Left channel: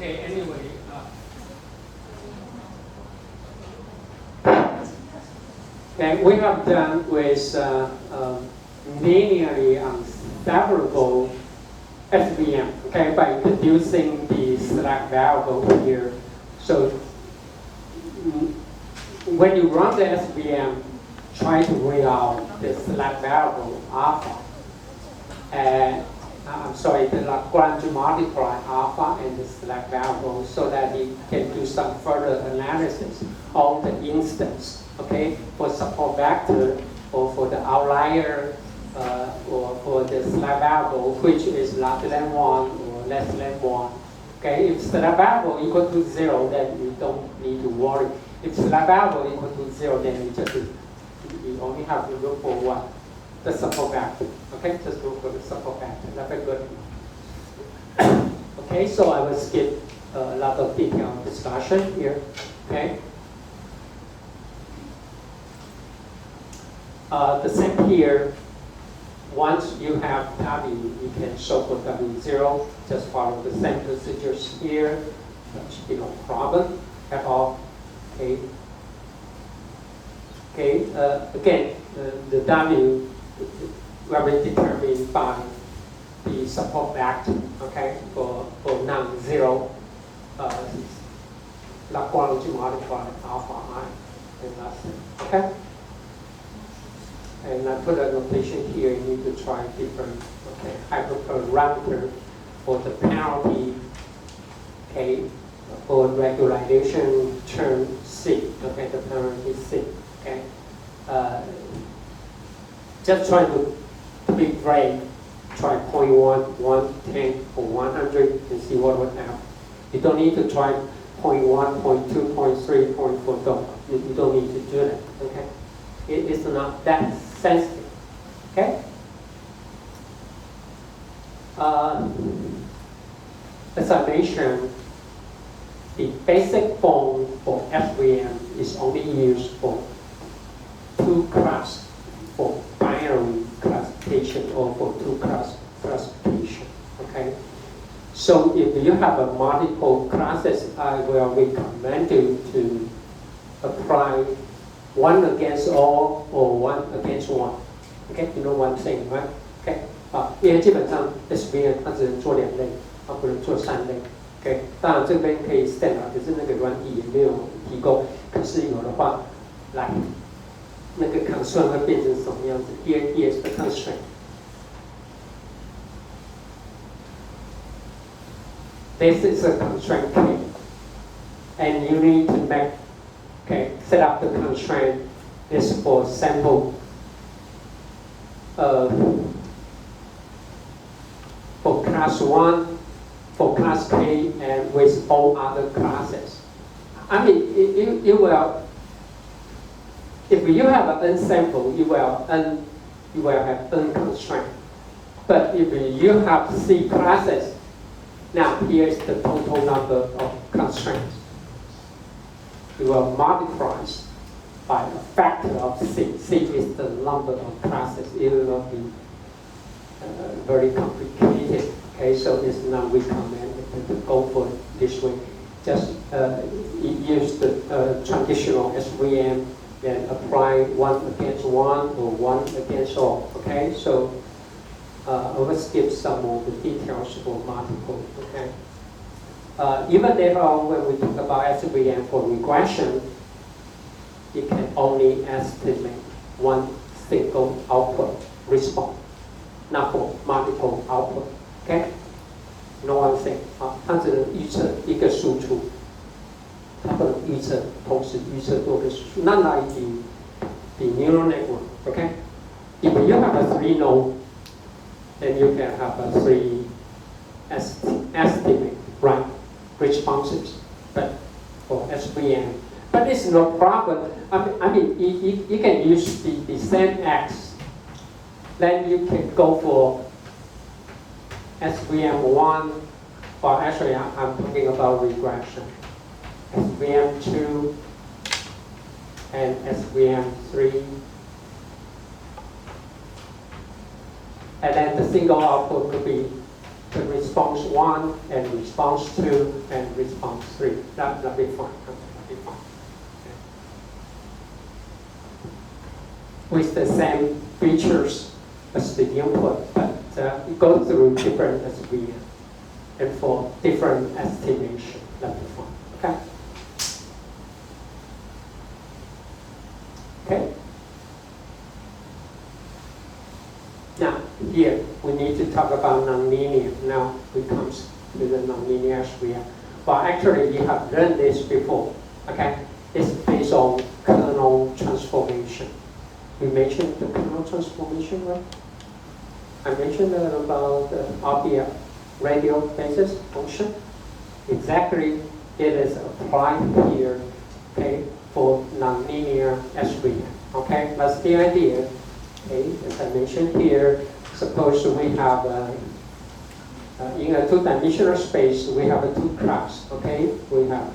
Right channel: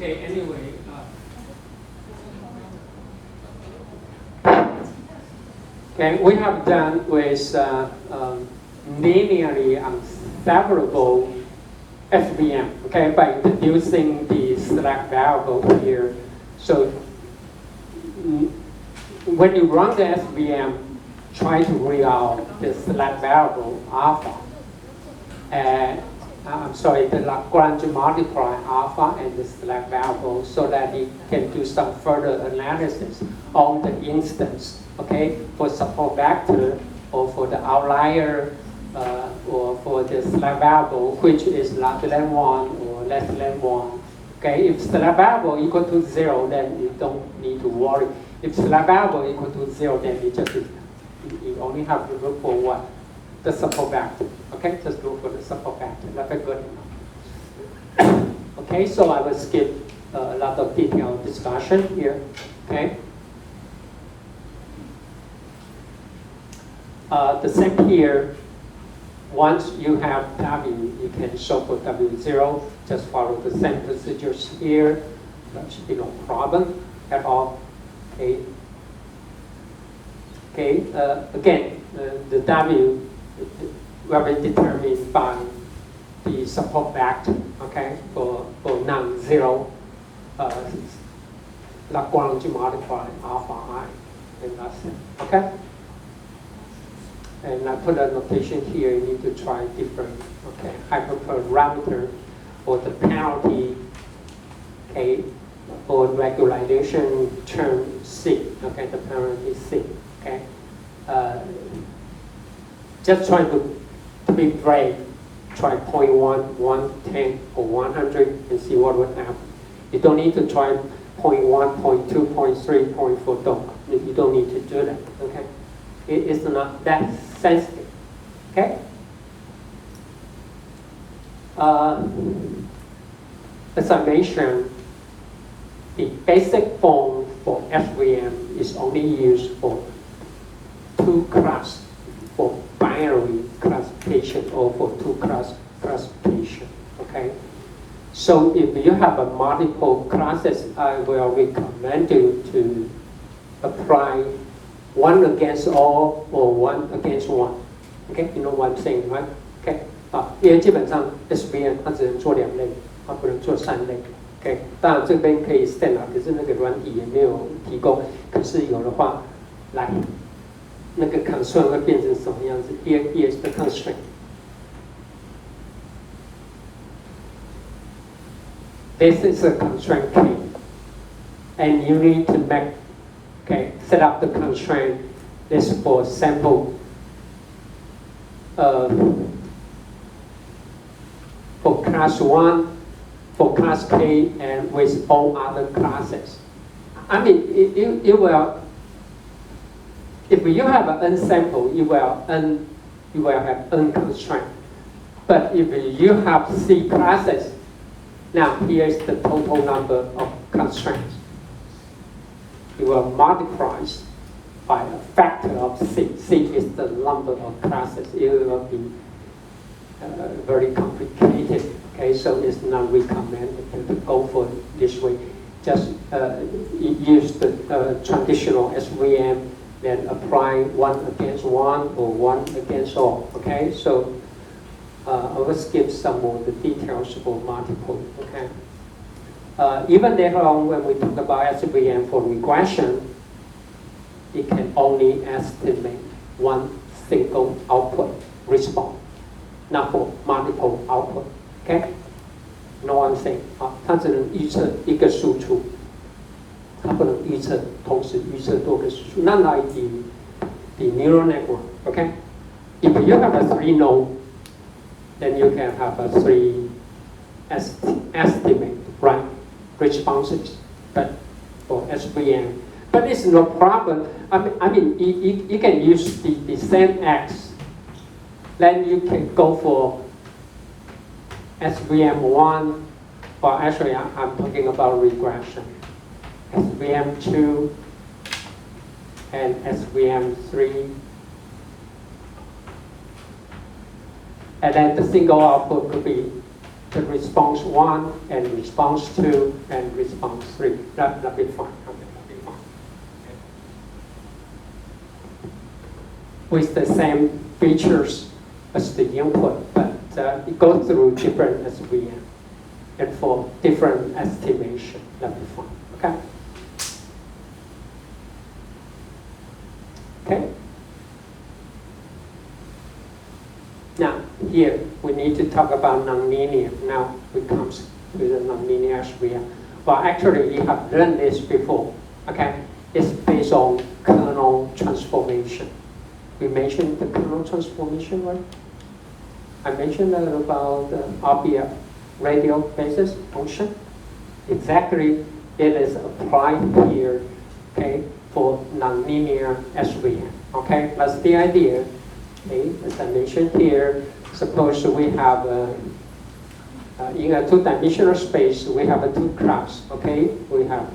Okay, anyway, okay, we have done with linearly unseparable SVM, okay, by introducing the slack variable here. So when you run the SVM, try to weigh out the slack variable alpha. And I'm sorry, the Lagrange multiply alpha and the slack variable so that you can do some further analysis on the instance, okay, for support vector or for the outlier or for the slack variable, which is larger than 1 or less than 1. Okay, if slack variable equal to 0, then you don't need to worry. If slack variable equal to 0, then you only have to look for what? The support vector. Okay, just look for the support vector. That's good enough. Okay, so I will skip a lot of detailed discussion here. Okay. The same here. Once you have W, you can show for W0. Just follow the same procedures here. That should be no problem at all. Okay. Okay. Again, the W will be determined by the support vector. Okay, for non-zero Lagrange multiply alpha I. And that's it. Okay. And I put a notation here. You need to try different hyperparameter for the penalty. Okay, for regularization term C. Okay, the penalty C. Okay. Just try to be brave. Try 0.1, 1, 10, or 100 and see what will happen. You don't need to try 0.1, 0.2, 0.3, 0.4. Don't. You don't need to do that. Okay. It's not that sensitive. Okay. As I mentioned, the basic form for FVM is only used for two classes, for binary classification or for two-class classification. Okay. So if you have a multiple classes, I will recommend you to apply 1 against all or 1 against 1. Okay, you know what I'm saying, right? Okay. 因为基本上 SVM 它只能做2类，它不能做3类。OK， 当然这边可以 set 可是那个软体也没有提供。可是有的话，来，那个 constraint 会变成什么样子 ？Here's the constraint. This is a constraint key, and you need to make, set up the constraint. This for sample. For class 1, for class K, and with all other classes. I mean, you will, if you have an n sample, you will have n constraint. But if you have C classes, now here's the total number of constraints. You will multiply by a factor of C. C is the number of classes. It will be very complicated. Okay, so it's not recommended to go for this way. Just use the traditional SVM, then apply 1 against 1 or 1 against all. Okay, so I will skip some of the details for multiple. Okay. Even later on, when we talk about SVM for regression, it can only estimate 1 single output response, not for multiple output. Okay? No one saying 它只能预测一个输出，它不能预测同时预测多个输出。Not like the neural network. Okay? If you have a 3-node, then you can have a 3 estimate, right? Responses, but for SVM. But it's no problem. I mean, you can use the same X. Then you can go for SVM1, or actually I'm talking about regression. SVM2 and SVM3. And then the single output could be the response 1 and response 2 and response 3. That'll be fine. Okay, that'll be fine. Okay. With the same features as the input, but it goes through different SVM and for different estimation. That'll be fine. Okay. Okay. Now, here we need to talk about nonlinear. Now it comes with the nonlinear SVM. Well, actually, we have learned this before. Okay, it's based on kernel transformation. We mentioned the kernel transformation, right? I mentioned about the RBF, radial basis function. Exactly, it is applied here. Okay, for nonlinear SVM. Okay, that's the idea. Okay, as I mentioned here, suppose we have in a two-dimensional space, we have a two class. Okay, we have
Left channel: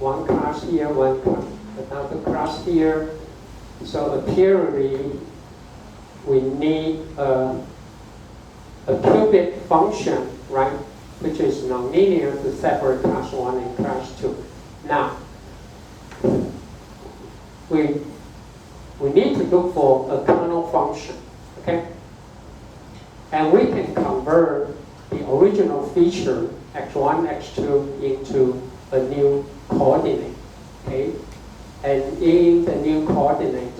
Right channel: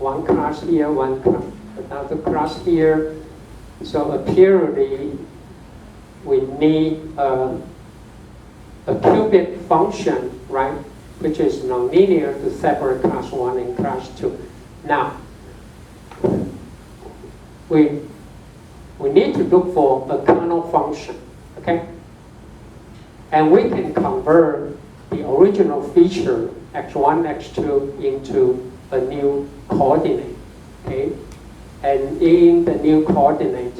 one class here, one class, another class here. So apparently, we need a cubic function, right, which is nonlinear to separate class 1 and class 2. Now, we need to look for a kernel function, okay? And we can convert the original feature x1, x2 into a new coordinate, okay? And in the new coordinate,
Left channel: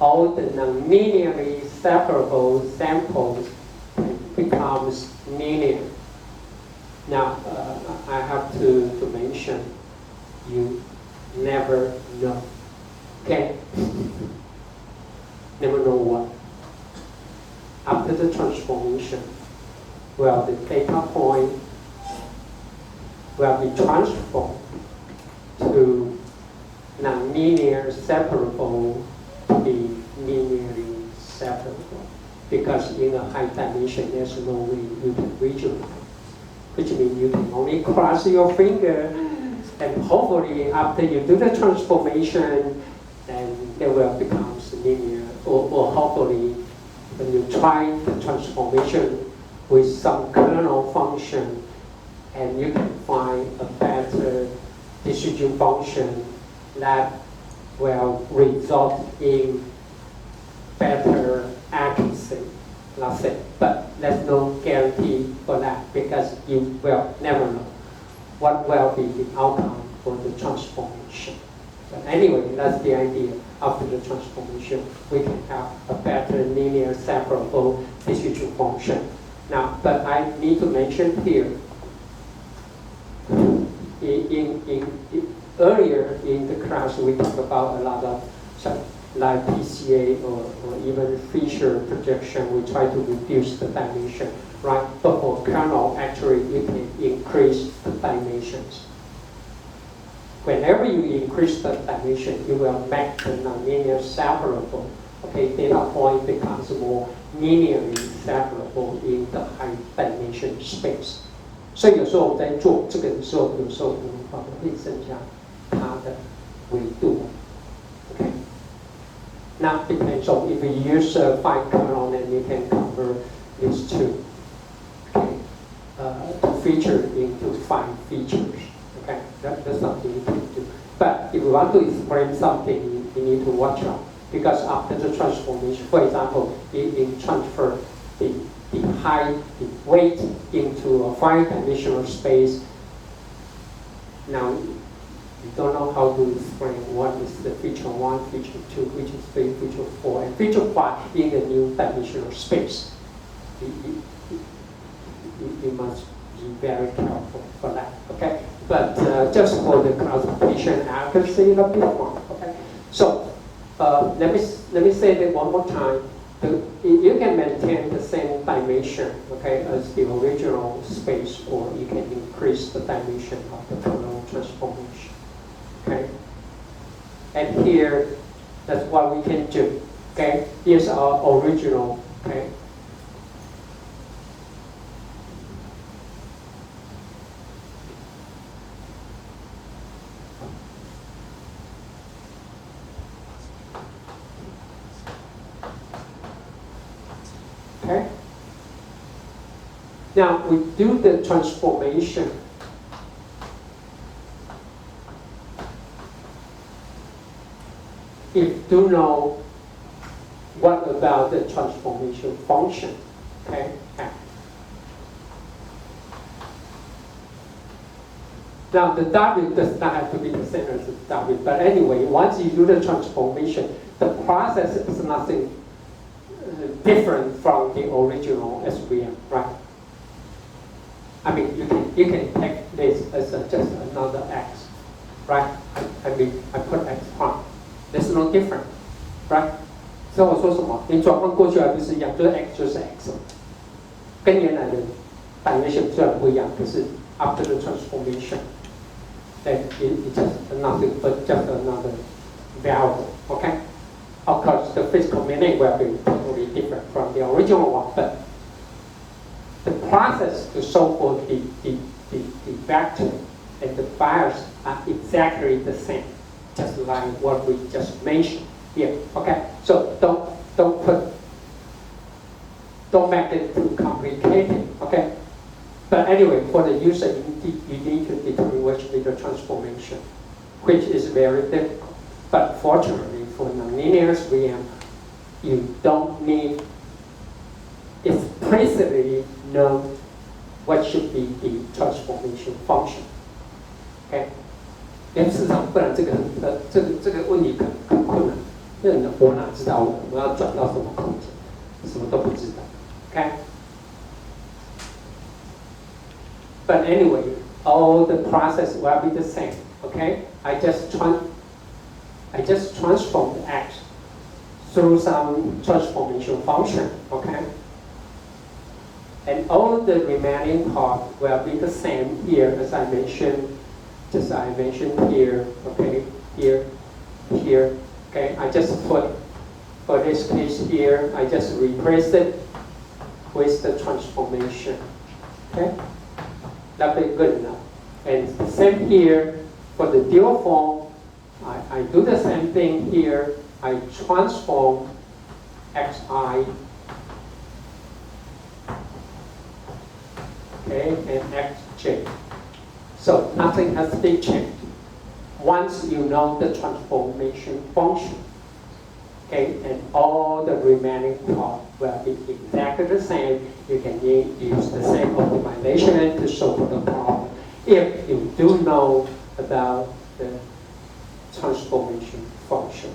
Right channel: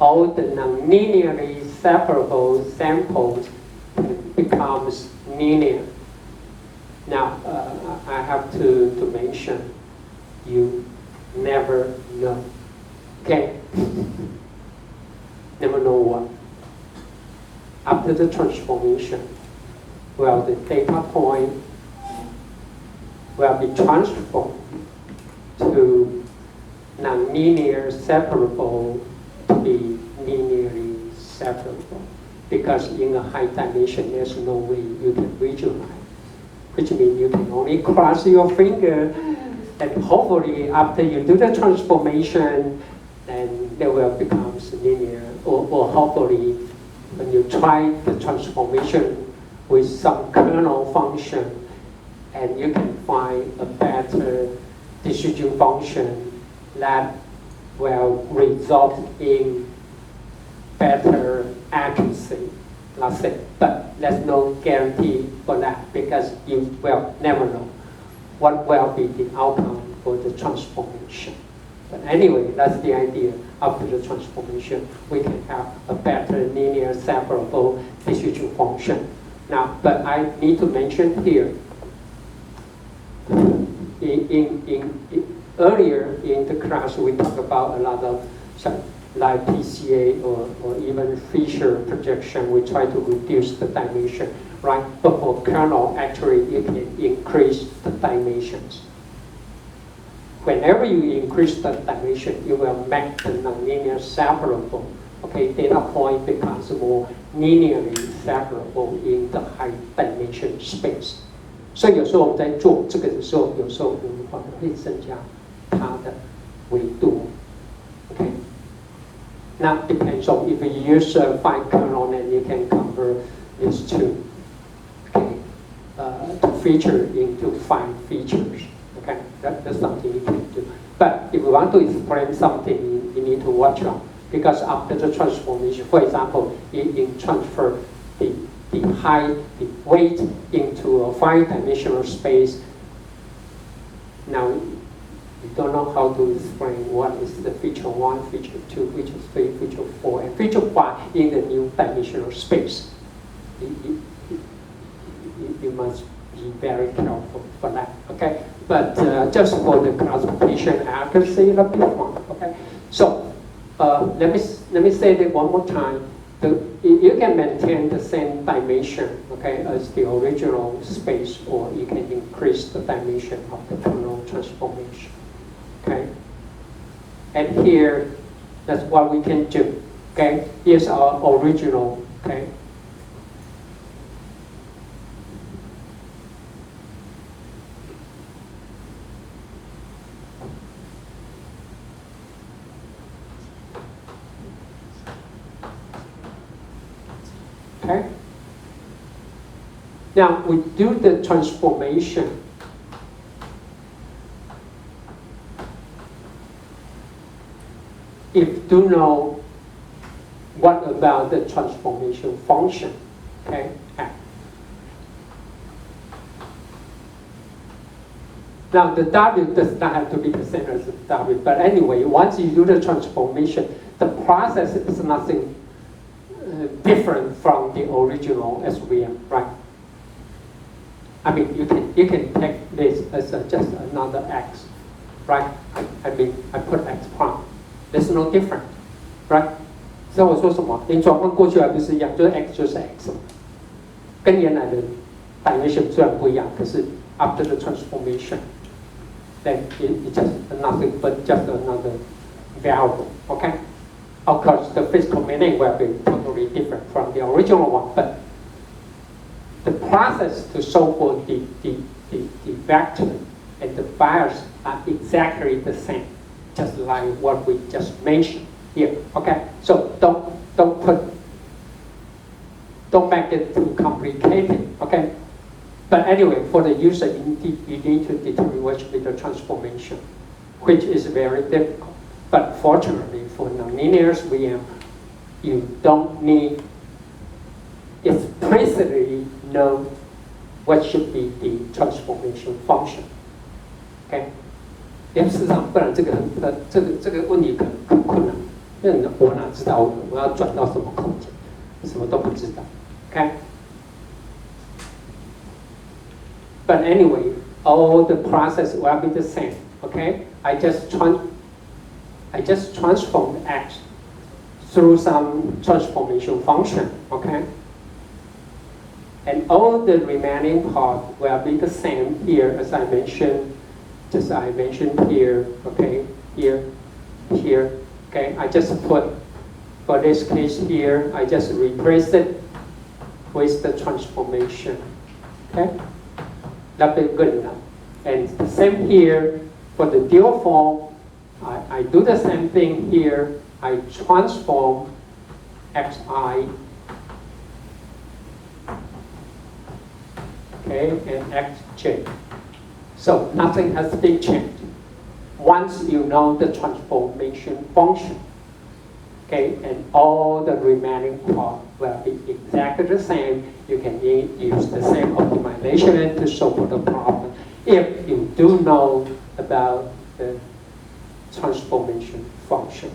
all the non-linearly separable samples becomes linear. Now, I have to mention, you never know, okay? Never know what. After the transformation, well, the data point will be transformed to nonlinear separable to be linearly separable. Because in a high dimension, there's no way you can visualize. Which means you can only cross your finger, and hopefully after you do the transformation, then they will become linear, or hopefully when you try the transformation with some kernel function, and you can find a better decision function that will result in better accuracy, let's say. But there's no guarantee for that because you will never know what will be the outcome for the transformation. But anyway, that's the idea. After the transformation, we can have a better linear separable decision function. Now, but I need to mention here, earlier in the class, we talked about a lot of like PCA or even feature projection. We try to reduce the dimension, right? But for kernel, actually, it can increase the dimensions. Whenever you increase the dimension, you will make the nonlinear separable. Okay, data point becomes more linearly separable in the high dimension space. 所以有时候我们在做这个的时候，有时候我们会增加它的维度。Okay. Now depends on if you use 5 kernel, then you can convert these two, okay, to feature into 5 features. Okay, that's something you can do. But if you want to explain something, you need to watch out because after the transformation, for example, you transfer the height, the weight into a 5-dimensional space. Now, you don't know how to explain what is the feature 1, feature 2, feature 3, feature 4, and feature 5 in the new dimensional space. You must be very careful for that, okay? But just for the classification accuracy, that'll be fine, okay? So, let me say that one more time. You can maintain the same dimension, okay, as the original space, or you can increase the dimension of the kernel transformation, okay? And here, that's what we can do, okay? Here's our original, okay? Okay. Now we do the transformation. If you know what about the transformation function, okay? Now the W does not have to be the same as the W, but anyway, once you do the transformation, the process is nothing different from the original SVM, right? I mean, you can take this as just another X, right? I mean, I put X prime. There's no difference, right? 所以我说什么？连转换过去还不是一样，就是 X 就是 X， 跟原来的 dimension 虽然不一样，可是 after the transformation, then it's just nothing but just another variable, okay? Of course, the physical meaning will be totally different from the original one, but the process to solve for the vector and the bias are exactly the same, just like what we just mentioned here. Okay, so don't make it too complicated. Okay, but anyway, for the user, you need to determine which is the transformation, which is very difficult. But fortunately, for nonlinear VM, you don't need explicitly know what should be the transformation function. Okay? 因为事实上，不然这个问题很困难，因为我哪知道我要转到什么空间，什么都不知道。Okay? But anyway, all the process will be the same. Okay? I just transform X through some transformation function. Okay? And all the remaining part will be the same here as I mentioned, just I mentioned here, okay, here, okay. I just put, for this case here, I just replace it with the transformation, okay. That'll be good enough. And the same here for the dual form. I do the same thing here. I transform xi. Okay, and xj. So nothing has been changed. Once you know the transformation function, okay, and all the remaining part will be exactly the same. You can use the same optimization to solve the problem. If you do know about the transformation function,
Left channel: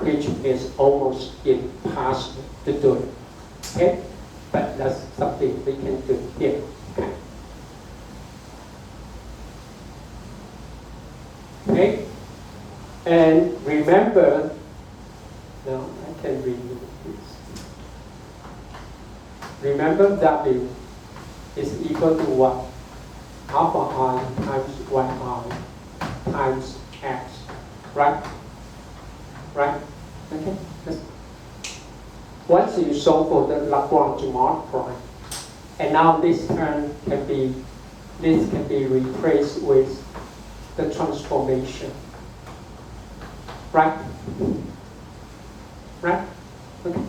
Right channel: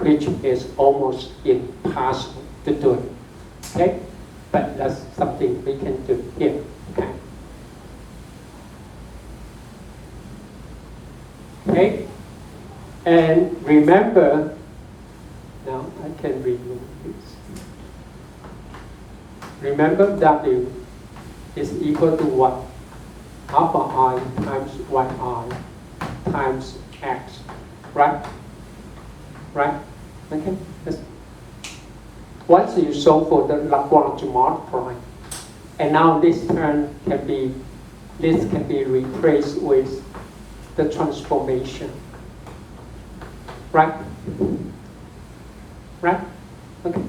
which is almost impossible to do. Okay, but that's something we can do here. Okay. Okay, and remember, now I can remove this. Remember W is equal to what? Alpha I times yi times x, right? Right? Okay. Yes. Once you solve for the Lagrange multiply, and now this term can be replaced with the transformation. Right? Right? Okay.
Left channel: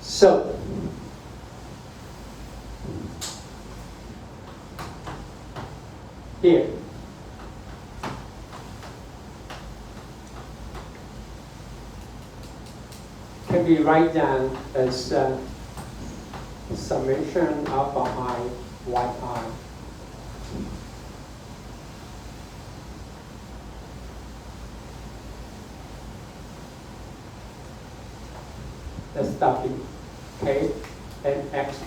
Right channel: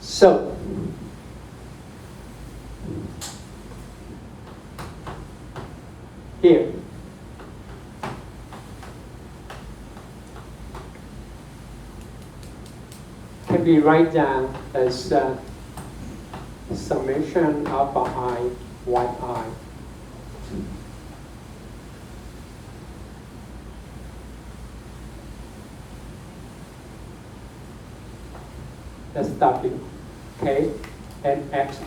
So, here, can be written down as summation alpha I yi. That's W, okay, and xi.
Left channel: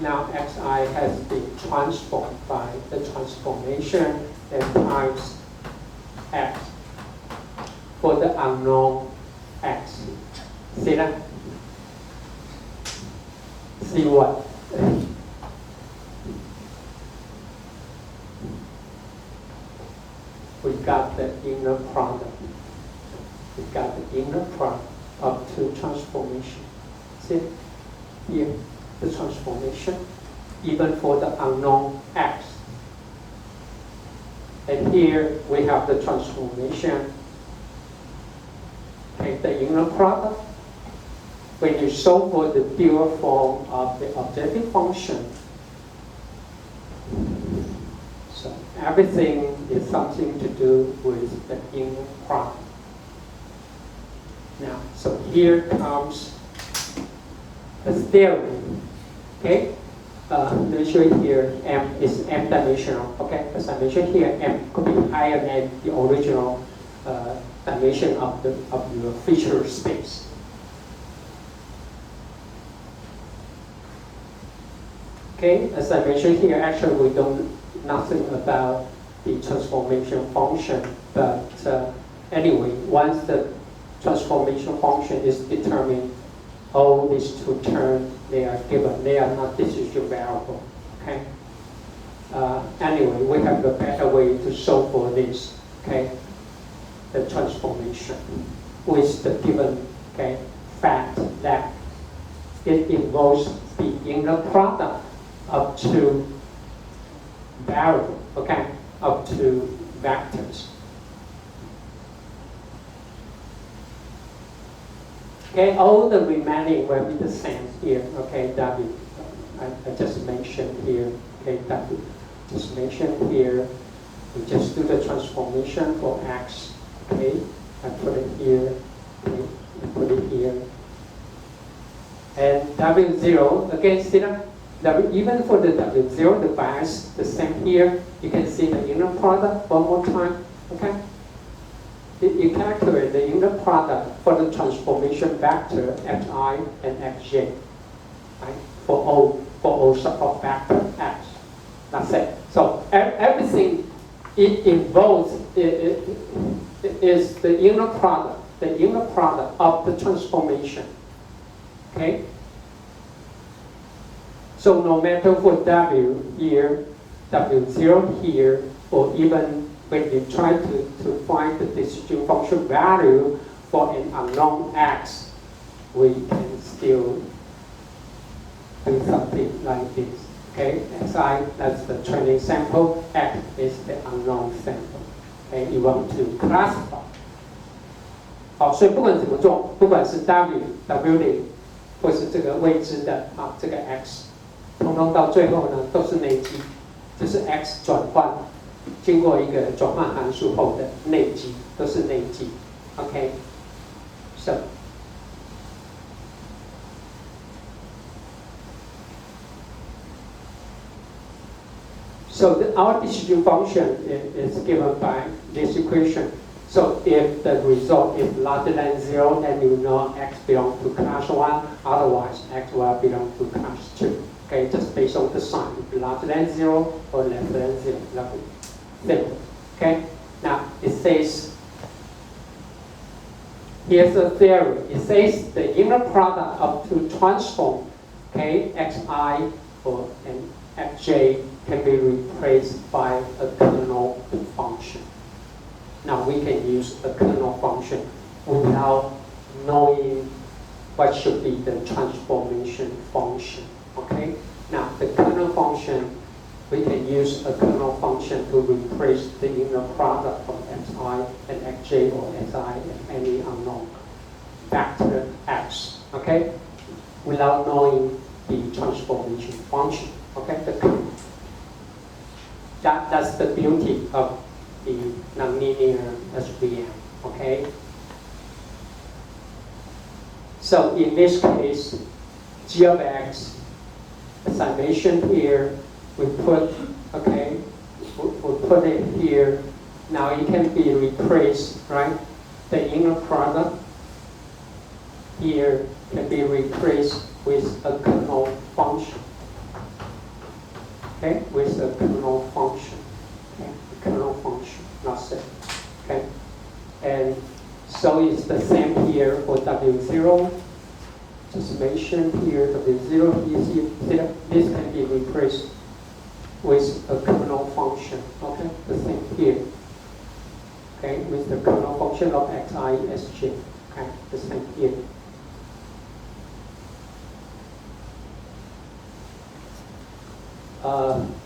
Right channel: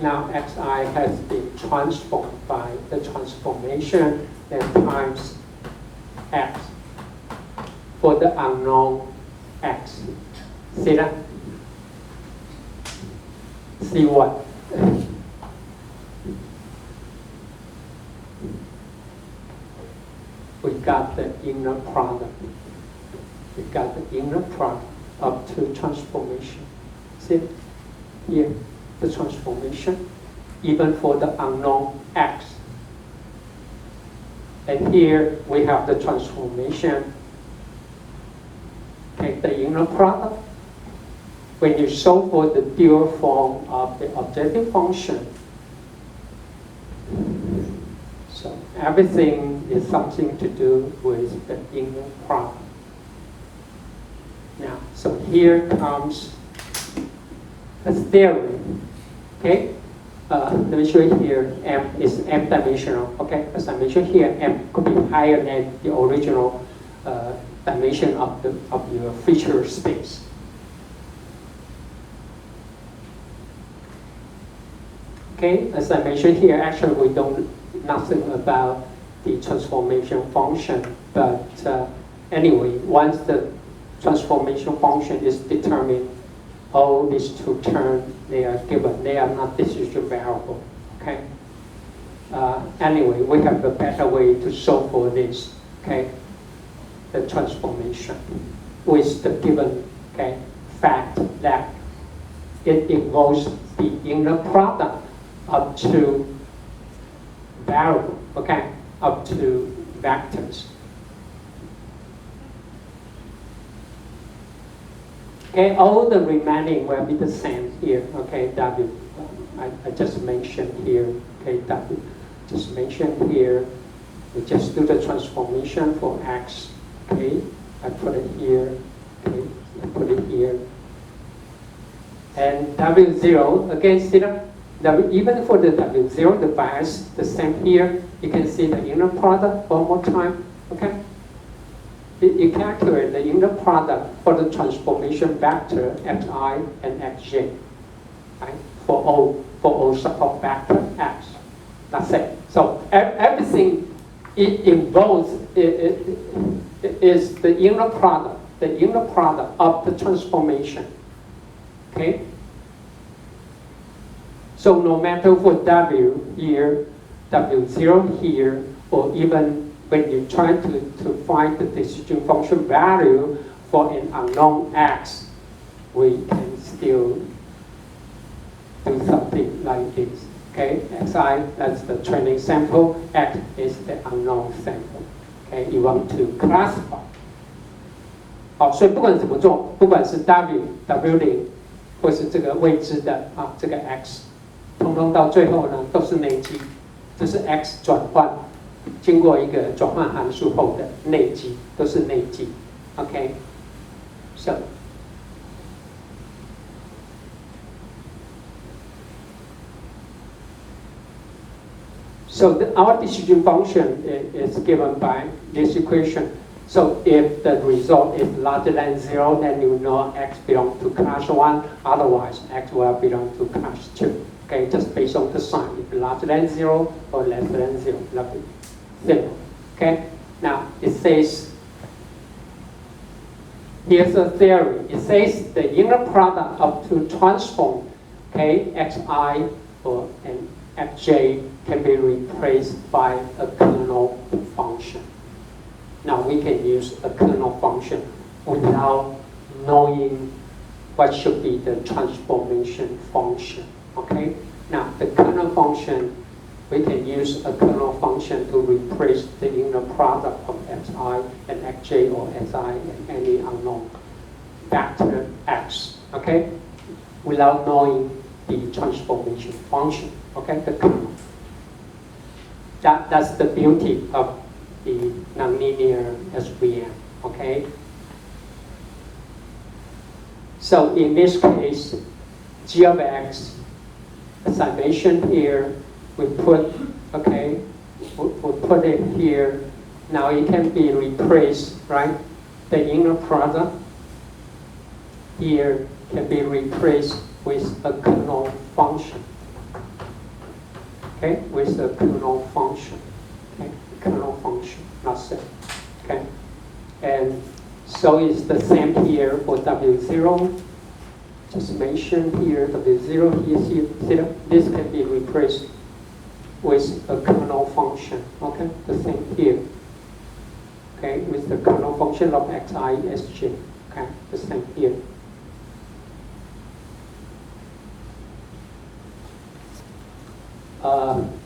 Now xi has been transformed by the transformation and times x for the unknown x. See that? See what? We got the inner product. We got the inner product of two transformation. See here, the transformation, even for the unknown x. And here we have the transformation. Okay, okay, the inner product. When you solve for the pure form of the objective function, so everything is something to do with the inner product. Now, so here comes the theory. Okay, let me show you here. M is m-dimensional. Okay, as I mentioned here, m could be higher than the original dimension of your feature space. Okay, as I mentioned here, actually we don't nothing about the transformation function, but anyway, once the transformation function is determined, all these two terms they are given. They are not decision variable. Okay. Anyway, we have a better way to solve for this. Okay, the transformation with the given fact that it involves the inner product up to variable, up to vectors. Okay, all the remaining will be the same here. Okay, W, I just mentioned here. Okay, W, just mentioned here. We just do the transformation for X. Okay, I put it here. Okay, I put it here. And W0 again, see that? Even for the W0, the bias the same here. You can see the inner product one more time. Okay. You calculate the inner product for the transformation vector Xi and Xj, right? For all support vector X. That's it. So everything it involves is the inner product of the transformation. Okay. So no matter for W here, W0 here, or even when you try to find the decision function value for an unknown X, we can still do something like this. Okay, Xi, that's the training sample, X is the unknown sample. Okay, you want to classify. 好，所以不管怎么做，不管是 W0，或是这个未知的这个 X。通通到最后呢都是内积，这是 x 转换，经过一个转换函数后的内积，都是内积。OK， So our decision function is given by this equation. So if the result is larger than 0, then you know x belongs to class 1, otherwise x will belong to class 2. Okay, just based on the sign, if larger than 0 or less than 0, simple. Okay, now it says, here's a theory. It says the inner product of two transform, okay, xi or an xj can be replaced by a kernel function. Now we can use a kernel function without knowing what should be the transformation function. Okay, now the kernel function, we can use a kernel function to replace the inner product of xi and xj or xi and any unknown vector x, okay, without knowing the transformation function, okay, the kernel. That's the beauty of the nonlinear SVM, okay? So in this case, g of x, as I mentioned here, we put, okay, we put it here. Now it can be replaced, right? The inner product here can be replaced with a kernel function. Okay, with a kernel function. Okay, kernel function, that's it. Okay, and so it's the same here for W0. Just mention here W0. You see, this can be replaced with a kernel function. Okay, the same here. Okay, with the kernel function of xi, sj. Okay, the same here.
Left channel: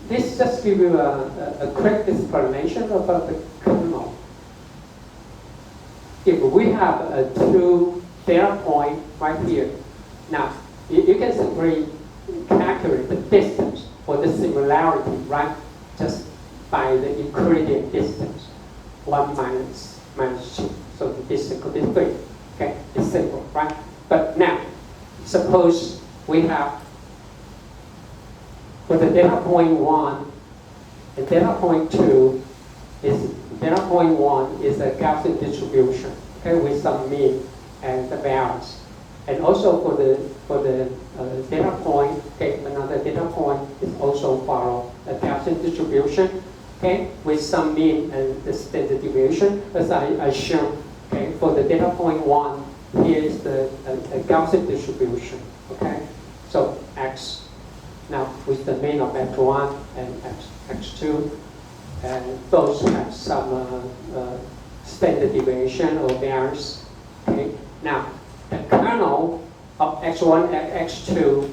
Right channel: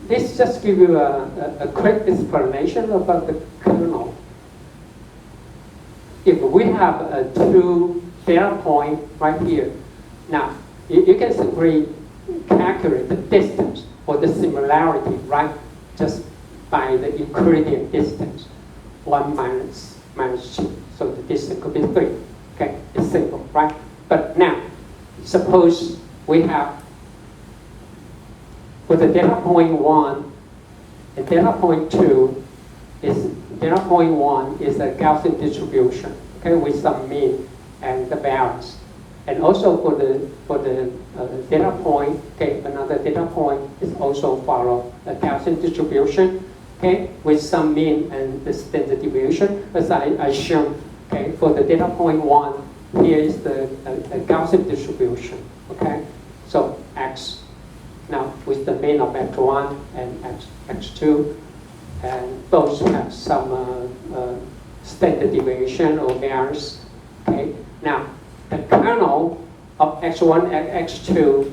This just give you a quick explanation about the kernel. If we have a two data point right here. Now, you can simply calculate the distance or the similarity, right? Just by the Euclidean distance, 1 minus 2. So the distance could be 3. Okay, it's simple, right? But now, suppose we have, for the data point 1, and data point 2 is, data point 1 is a Gaussian distribution, okay, with some mean and the variance. And also for the data point, okay, another data point is also follow a Gaussian distribution, okay, with some mean and the standard deviation, as I shown, okay, for the data point 1, here is the Gaussian distribution, okay, so x, now with the mean of x1 and x2, and both have some standard deviation or variance, okay, now the kernel of x1 and x2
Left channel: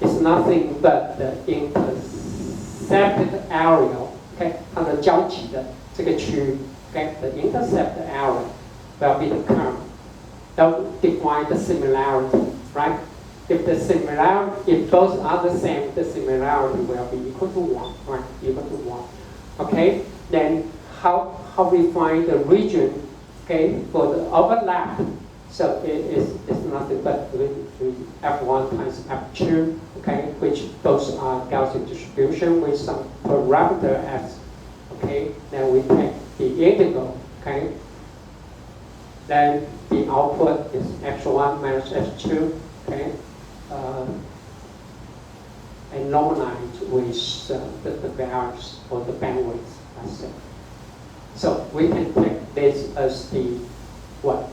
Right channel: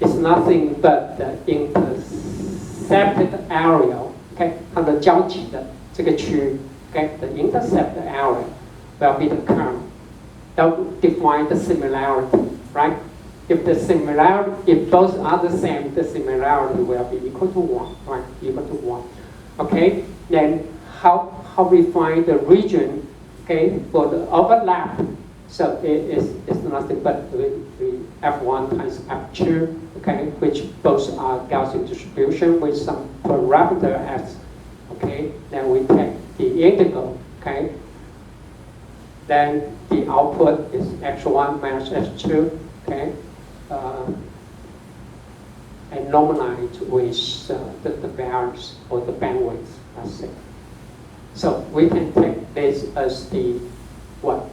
is nothing but the intercepted area, okay, 它的交集的这个区域 okay, the intercepted area will be the kernel. That define the similarity, right? If the similarity, if both are the same, the similarity will be equal to 1, right? Equal to 1. Okay, then how we find the region, okay, for the overlap? So it's nothing but we F1 times F2, okay, which both are Gaussian distribution with some parameter x, okay, then we take the integral, okay, then the output is x1 minus x2, okay, and normalized with the variance or the bandwidth, let's say. So we can take this as the what?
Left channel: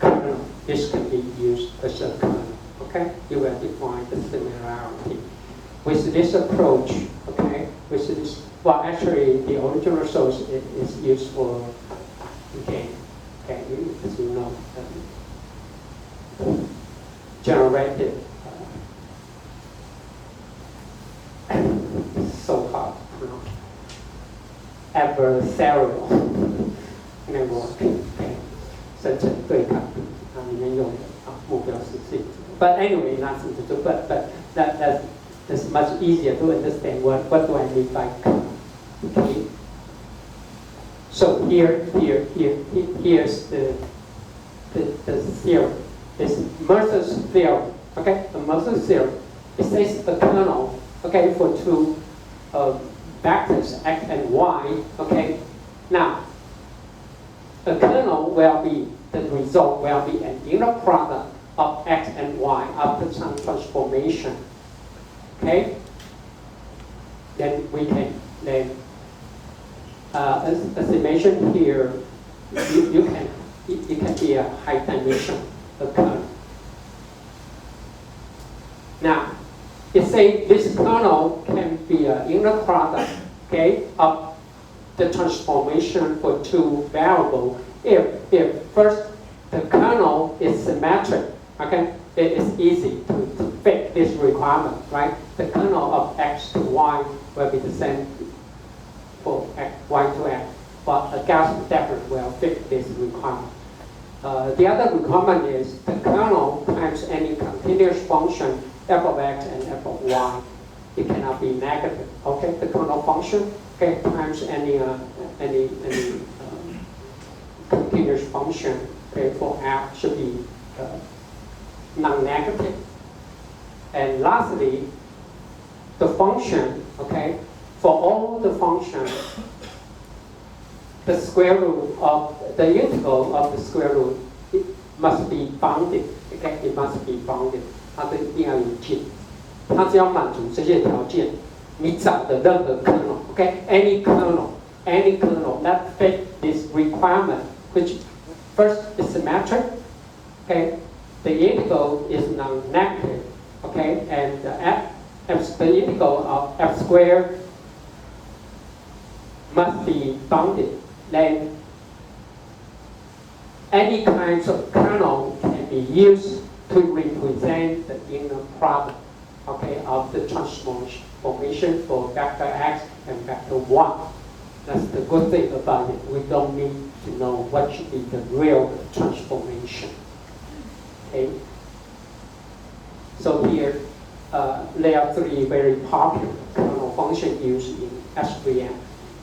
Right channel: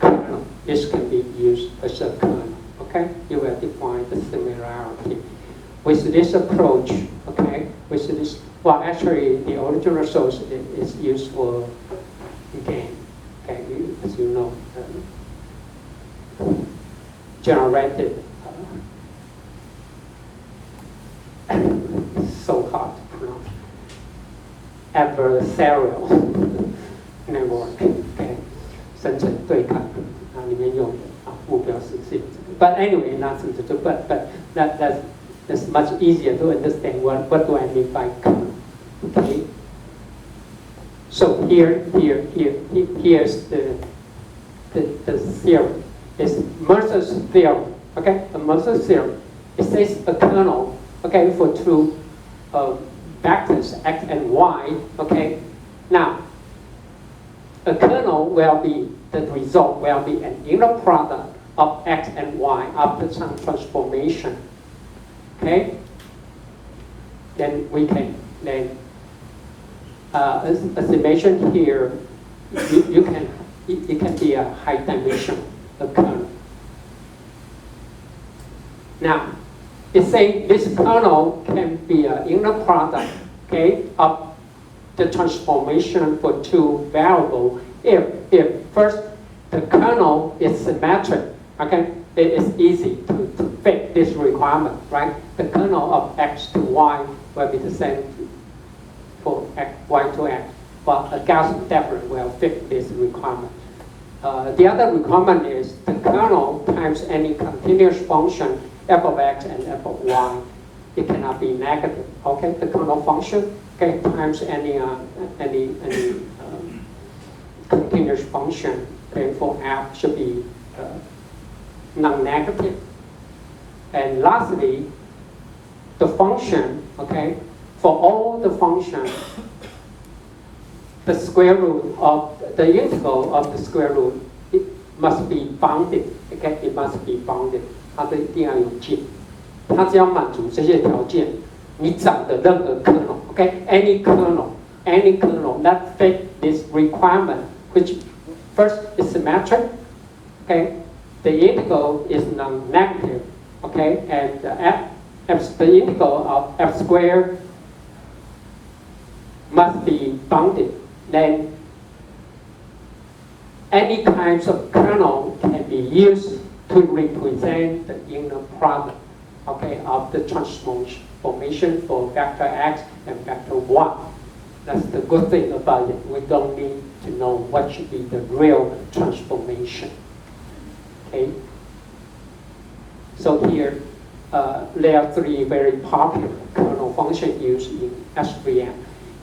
Kernel. This can be used as a kernel, okay? You will define the similarity. With this approach, okay, with this, well, actually, the original source is used for game, okay, as you know, generated, so hard to pronounce, adversarial network, okay, 生成对抗里面用的目标是这样子。But anyway, but that's much easier to understand what do I mean by kernel. Okay. So here's the theorem. It's Mercer's theorem. Okay, the Mercer's theorem. It says a kernel, okay, for two vectors x and y. Okay. Now, a kernel will be, the result will be an inner product of x and y after some transformation. Okay? Then we can, as I mentioned here, it can be a high dimension of kernel. Now, it says this kernel can be an inner product, okay, of the transformation for two variables if first the kernel is symmetric, okay, it is easy to fit this requirement, right? The kernel of x to y will be the same for y to x, but a Gaussian definitely will fit this requirement. The other requirement is the kernel times any continuous function f of x and f of y. It cannot be negative, okay? The kernel function, okay, times any continuous function, okay, for f should be non-negative. And lastly, the function, okay, for all the functions, the square root of the integral of the square root, it must be bounded, okay, it must be bounded. 它的一定要有界，它只要满足这些条件，你找的任何 kernel, okay, any kernel that fit this requirement, which first is symmetric, okay, the integral is non-negative, okay, and the integral of f squared must be bounded. Then any kinds of kernel can be used to represent the inner product, okay, of the transformation for vector x and vector y. That's the good thing about it. We don't need to know what should be the real transformation. Okay. So here, there are three very popular kernel functions used in SVM.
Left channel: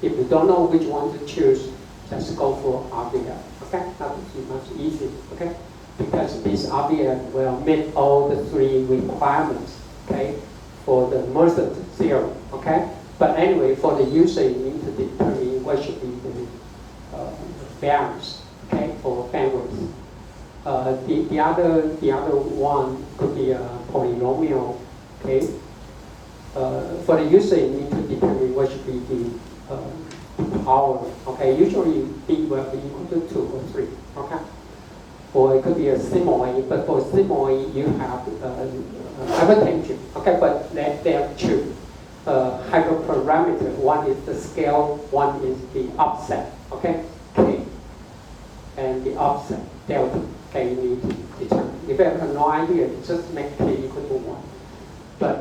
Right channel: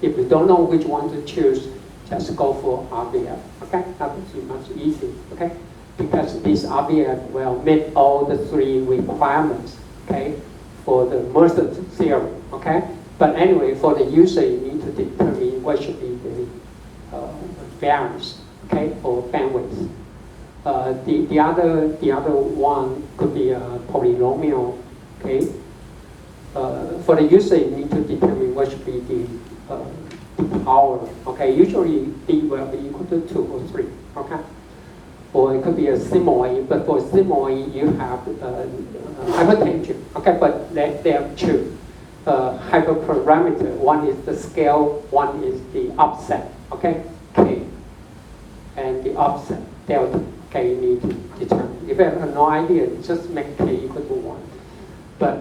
If you don't know which one to choose, just go for RVF. Okay, that would be much easier. Okay, because this RVF will meet all the three requirements. Okay, for the Mercer theorem. Okay, but anyway, for the user, you need to determine what should be the variance. Okay, for bandwidth. The other one could be a polynomial. Okay, for the user, you need to determine what should be the power. Okay, usually D will be equal to 2 or 3. Okay, or it could be a simoid, but for simoid you have hypertension. Okay, but let them choose hyperparameter. One is the scale, one is the offset. Okay, K, and the offset delta. Okay, you need to determine. If you have no idea, just make K equal to 1. But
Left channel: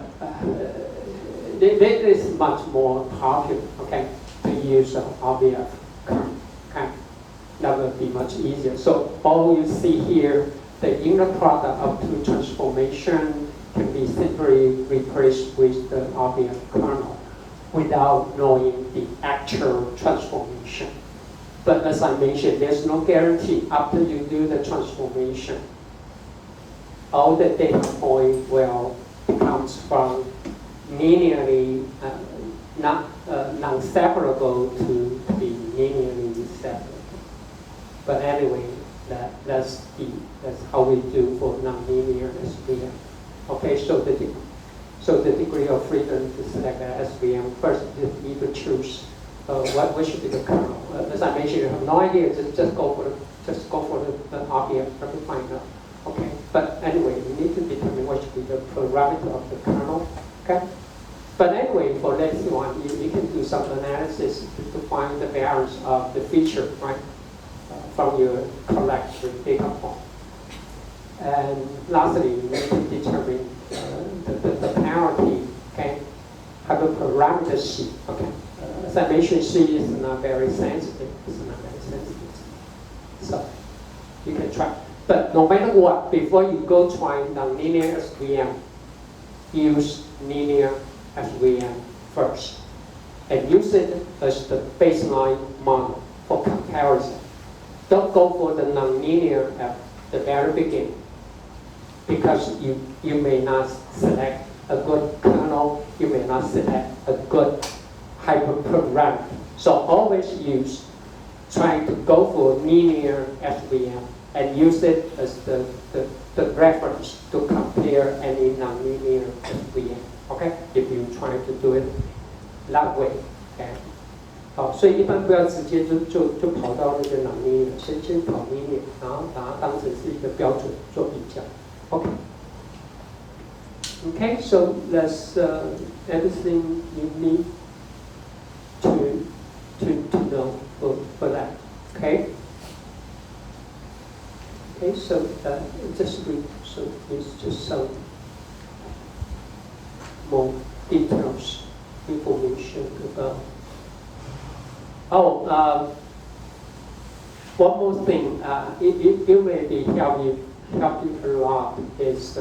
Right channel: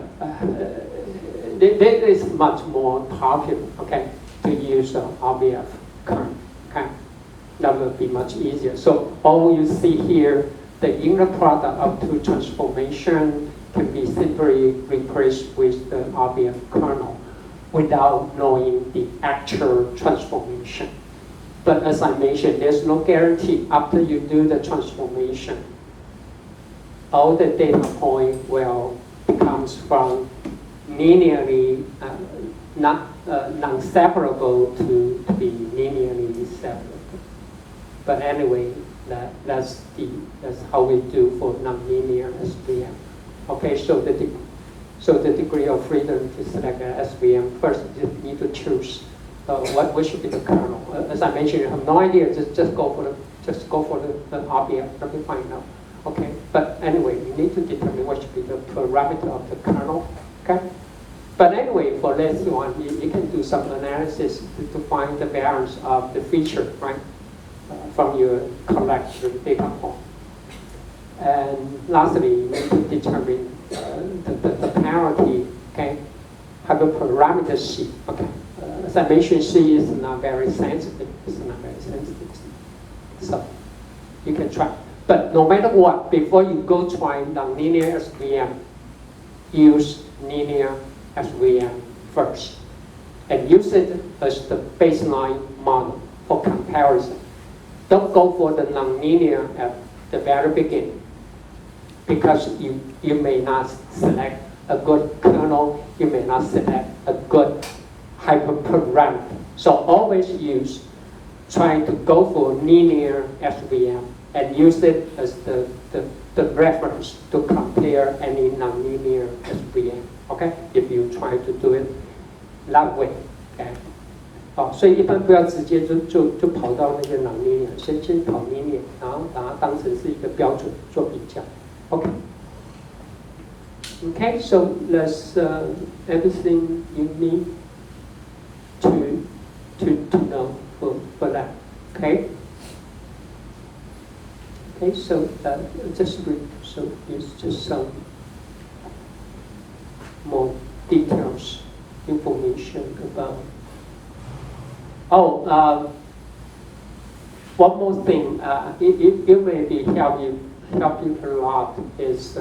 this is much more popular. Okay, to use RVF current. Okay, that will be much easier. So all you see here, the inner product of two transformation can be simply replaced with the RVF kernel without knowing the actual transformation. But as I mentioned, there's no guarantee after you do the transformation, all the data point will becomes from linearly non-separable to be linearly separable. But anyway, that's how we do for nonlinear SVM. Okay, so the degree of freedom to select an SVM, first you need to choose what should be the kernel. As I mentioned, you have no idea. Just go for the RVF to find out. Okay, but anyway, you need to determine what should be the parameter of the kernel. Okay, but anyway, for this one, you can do some analysis to find the variance of the feature, right, from your collected data point. And lastly, you need to determine the parity. Okay, hyperparameter C. Okay. As I mentioned, C is not very sensitive. It's not very sensitive. So you can try. But no matter what, before you go try nonlinear SVM, use linear SVM first. And use it as the baseline model for comparison. Don't go for the nonlinear at the very beginning, because you may not select a good kernel, you may not select a good hyperparameter. So always try to go for linear SVM and use it as the reference to compare any nonlinear SVM. Okay, if you try to do it that way. Okay. 好，所以一般不要直接就跑到那个nonlinear，先跑linear，然后把它当成是一个标准做比较。Okay. Okay, so that's everything you need to know for that. Okay. Okay, so it's just some more details, information about. Oh, one more thing. It may be help you a lot is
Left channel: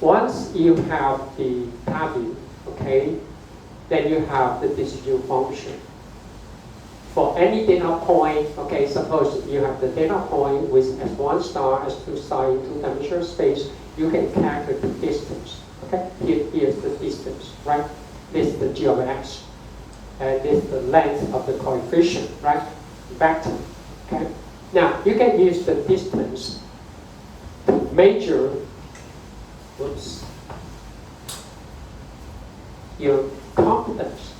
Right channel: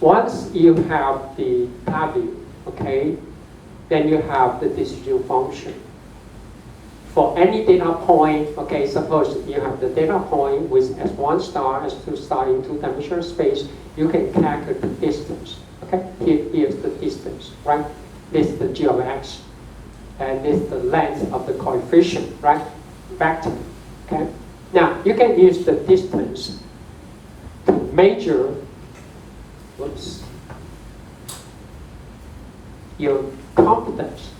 once you have the value, okay, then you have the decision function. For any data point, okay, suppose you have the data point with S1 star, S2 star in two-dimensional space, you can calculate the distance. Okay, here's the distance, right? This is the g of x, and this is the length of the coefficient, right? Vector. Okay. Now you can use the distance to measure, your confidence.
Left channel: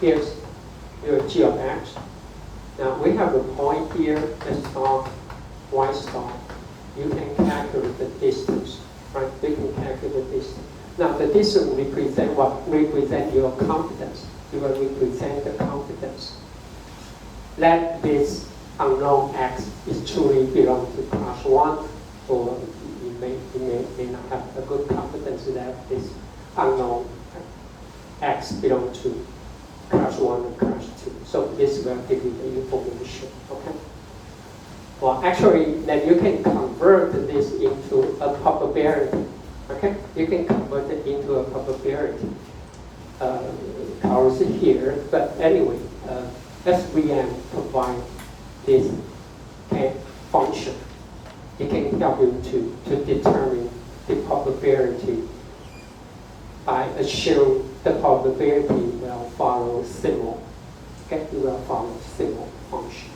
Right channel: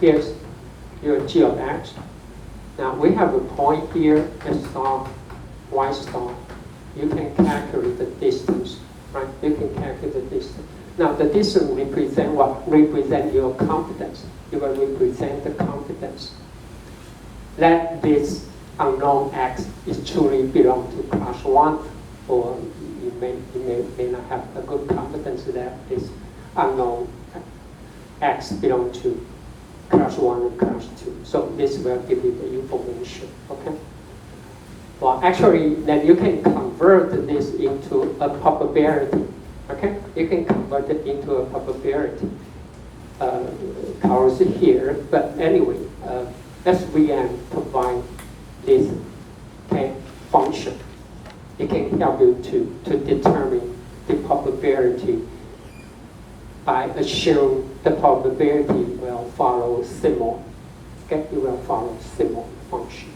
Here's your g of x. Now we have a point here, S star, Y star. You can calculate the distance, right? You can calculate the distance. Now the distance represent what? Represent your confidence. It will represent the confidence that this unknown x is truly belong to class 1, or you may not have a good class this unknown x belong to class 1 or class 2. So this will give you the information, okay? Well, actually, then you can convert this into a probability, okay? You can convert it into a probability powers here, but anyway, SVM provide this function. It can help you to determine the probability by assuming the probability will follow similar. Okay, it will follow similar function.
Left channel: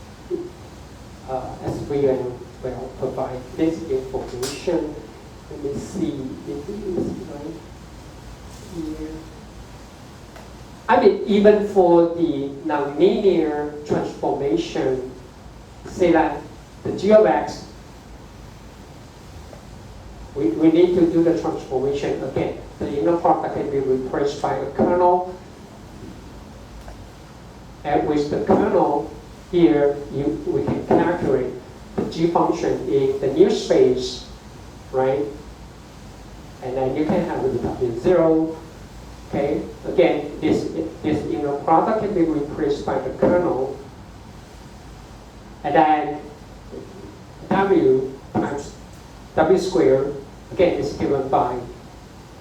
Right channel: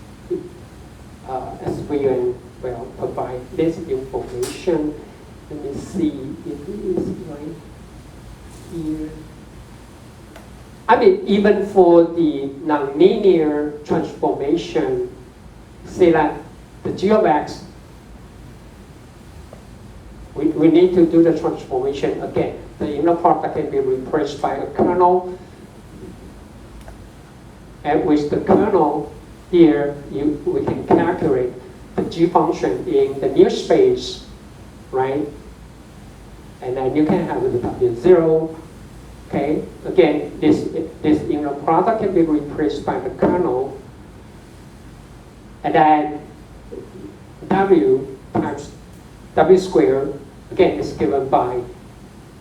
SVM will provide this information. Let me see if it is right here. I mean, even for the nonlinear transformation, say that the g of x, we need to do the transformation again. The inner product can be replaced by a kernel. And with the kernel here, we can calculate the g function in the new space, right? And then you can have the W0. Okay, again, this inner product can be replaced by the kernel, and then W times W squared, again, is given by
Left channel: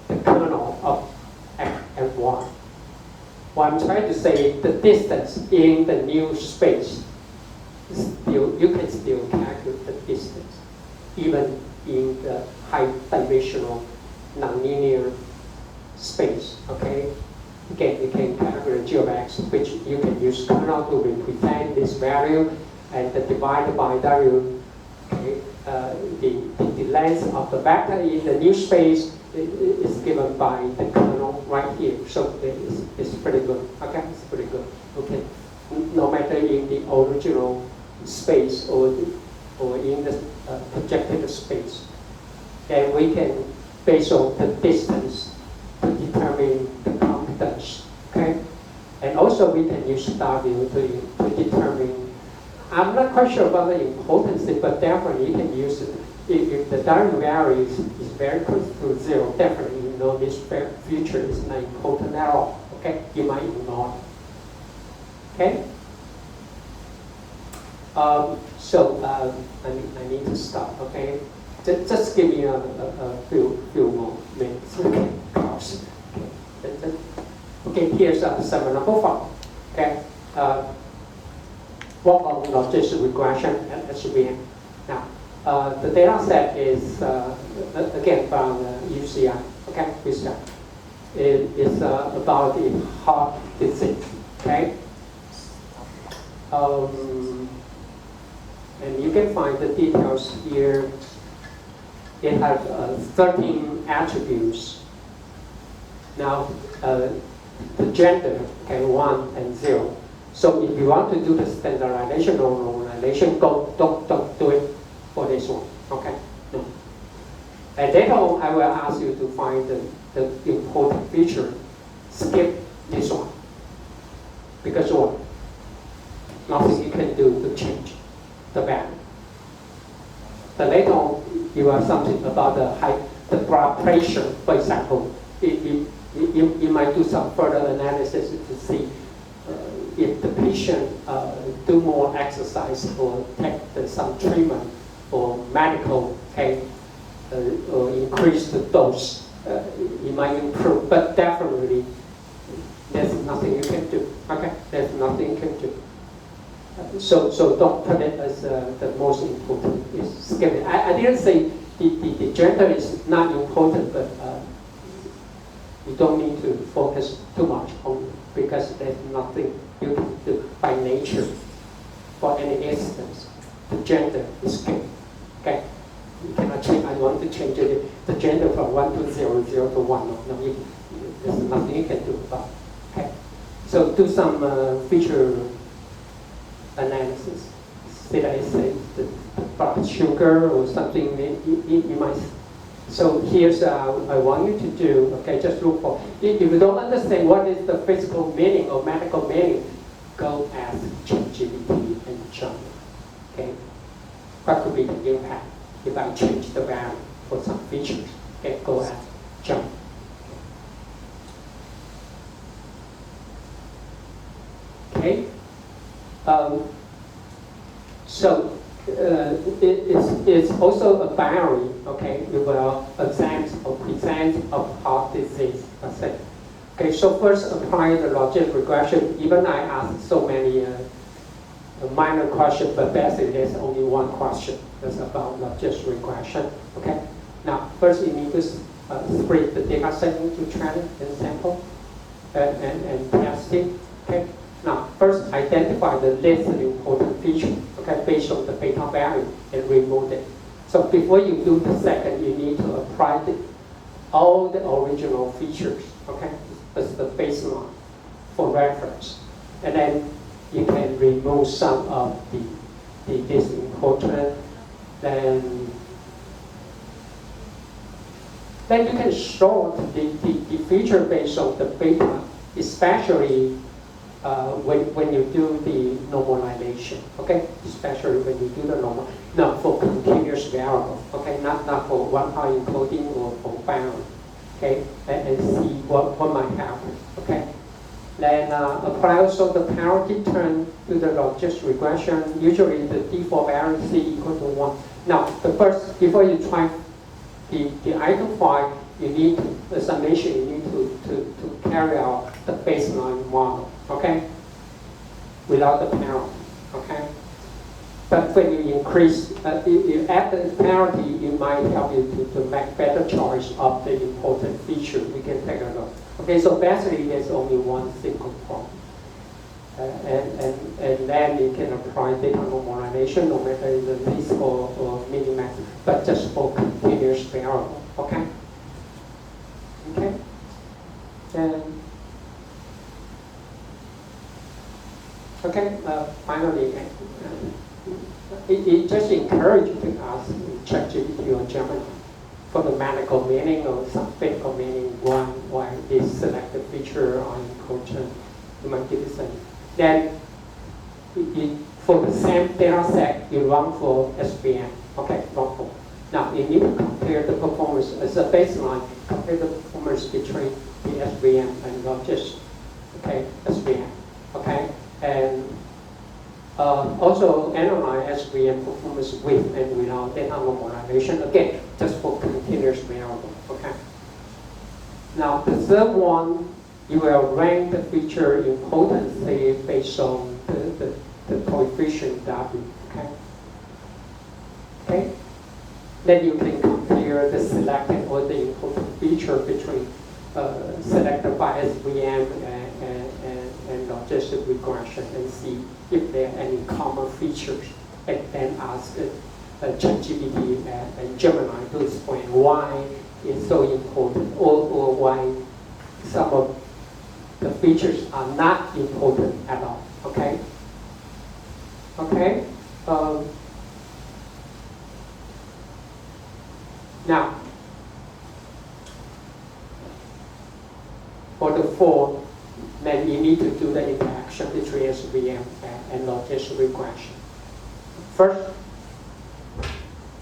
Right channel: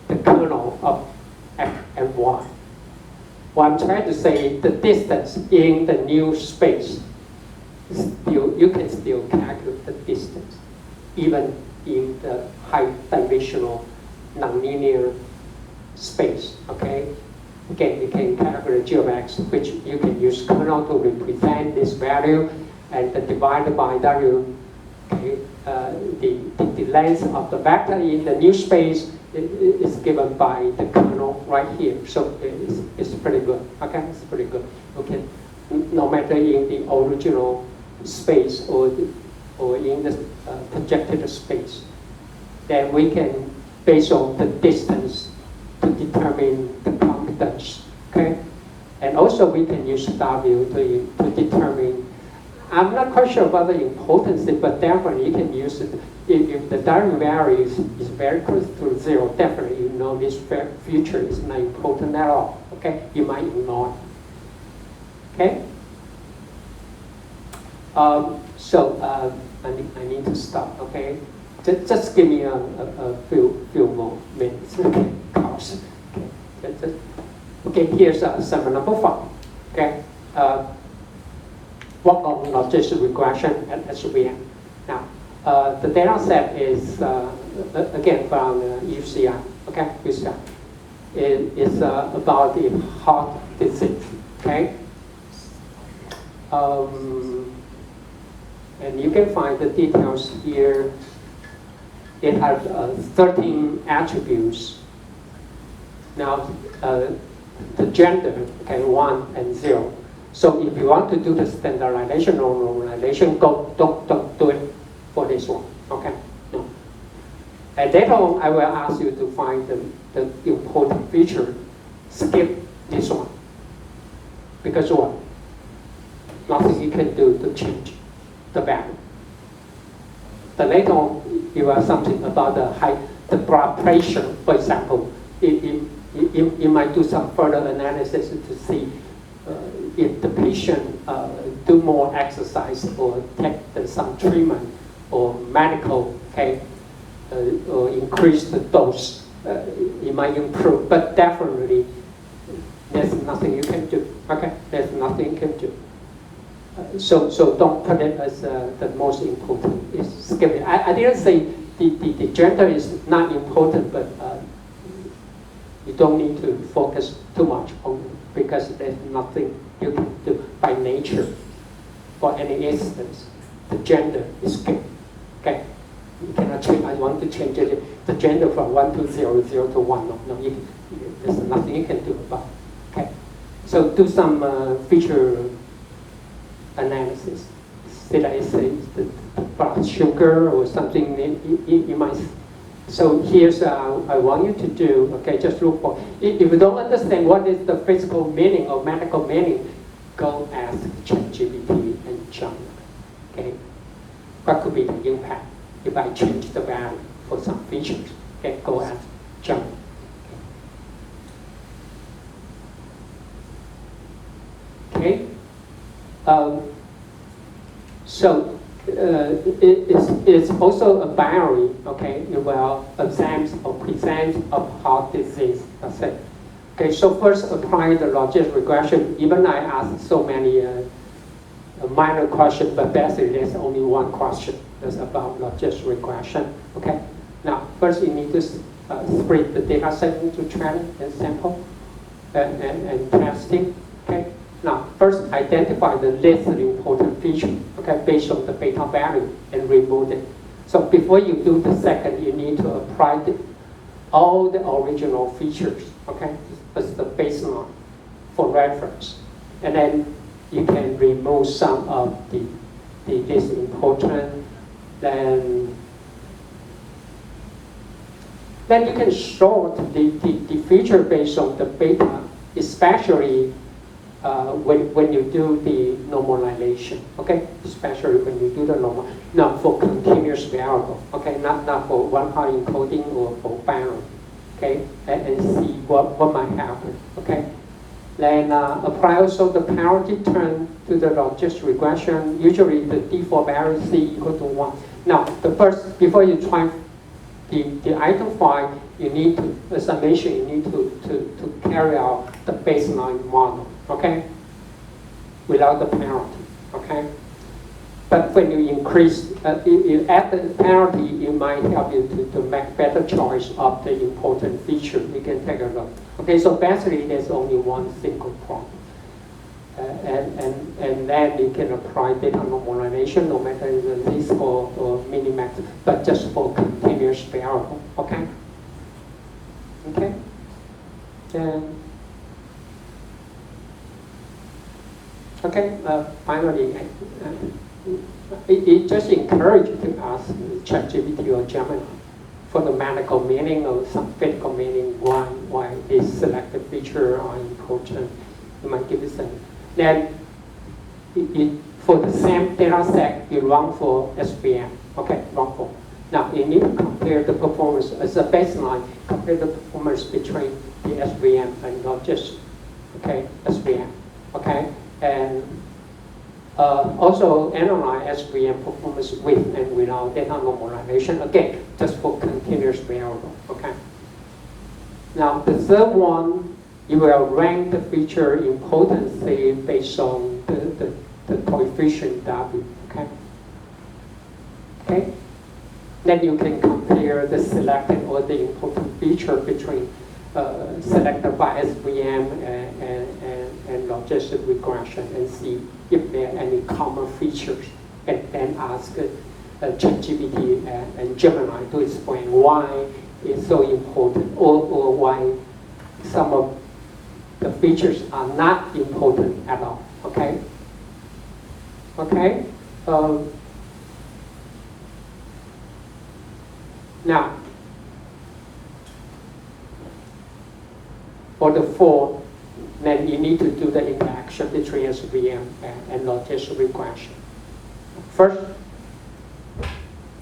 the kernel of x and y. What I'm trying to say is the distance in the new space, you can still calculate the distance, even in the high dimensional nonlinear space, okay? Again, you can calculate g of x, which you can use kernel to represent this value, and divided by w, okay? The length of the vector in the new space is given by the kernel right here. So it's pretty good, okay? It's pretty good, okay? No matter in the original space or in the projected space, then we can, based on the distance, to determine the confidence, okay? And also we can use W to determine, I'm not quite sure about the importance, but definitely you can use it. If the W value is very close to 0, definitely you know this feature is not important at all, okay? You might ignore it, okay? I need to stop, okay? Just give me a few more minutes, okay? Okay, here's example number 5. Okay, work on logistic regression at SVM. Now, the data set is again from UCI. Okay, UCI. It is about the heart disease. Okay, and you can find the details here. It has 13 attributes. Now, the gender, okay, 1 and 0. So if you want to do the standardization or normalization, don't do it for this one, okay? No. And then I will ask you to find the important feature. Skip this one. Because what? Nothing you can do to change the value. But later on, you have something about the blood pressure, for example. You might do some further analysis to see if the patient do more exercise or take some treatment or medical, okay, or increase the dose, it might improve. But definitely, there's nothing you can do. Okay, there's nothing you can do. So don't put it as the most important. It's skip it. I didn't say the gender is not important, but you don't need to focus too much on it because there's nothing you can do by nature for any instance. The gender is skipped. Okay, you cannot change. I want to change it. The gender from 1 to 0, 0 to 1. No, there's nothing you can do about it. Okay, so do some feature analysis. Did I say the blood sugar or something? You might. So here's I want you to do. Okay, just look for. If you don't understand what is the physical meaning or medical meaning, go ask ChatGPT and John. Okay, what could be the impact if I change the value for some features? Okay, go ask John. Okay. So it's also a binary. Okay, you will attempt or present a part disease. That's it. Okay, so first applying the logistic regression. Even I asked so many minor questions, but basically there's only one question. It's about logistic regression. Okay. Now, first you need to split the data set into training and sample and testing. Okay. Now, first identify the least important feature. Okay, based on the beta value and remove it. So before you do the second, you need to apply all the original features. Okay, as the baseline for reference, and then you can remove some of the least important. Then you can sort the feature based on the beta, especially when you do the normalization, okay? Especially when you do the normal, not for continuous variable, okay? Not for one-part encoding or for bound, okay? And see what might happen, okay? Then apply also the parity term to the logistic regression. Usually the default value C equal to 1. Now, the first, before you try the item file, you need to, the summation, you need to carry out the baseline model, okay? Without the penalty, okay? But when you increase, you add the penalty, it might help you to make better choice of the important feature. You can take a look. Okay, so basically there's only one single problem. And then you can apply data normalization, no matter the least or minimax, but just for continuous variable, okay? Okay? And okay, finally, it just encourages to ask ChatGPT or Gemini for the medical meaning or some technical meaning why this selected feature are important. You might give it some. Then, for the same data set, you run for SVM. Okay, run for. Now, you need to compare the performance as a baseline, compare the performance between the SVM and not just, okay, SVM. Okay, and also analyze SVM performance with and without data normalization, again, just for continuous variable. Okay. Now, the third one, you will rank the feature importance based on the coefficient W. Okay. Okay. Then you can compare the selected or the important feature between selected by SVM and logistic regression and see if there are any common features, and ask ChatGPT and Gemini to explain why it's so important or why some of the features are not important at all. Okay? Okay? Now, for the fourth, then you need to do the interaction between SVM and logistic regression. First,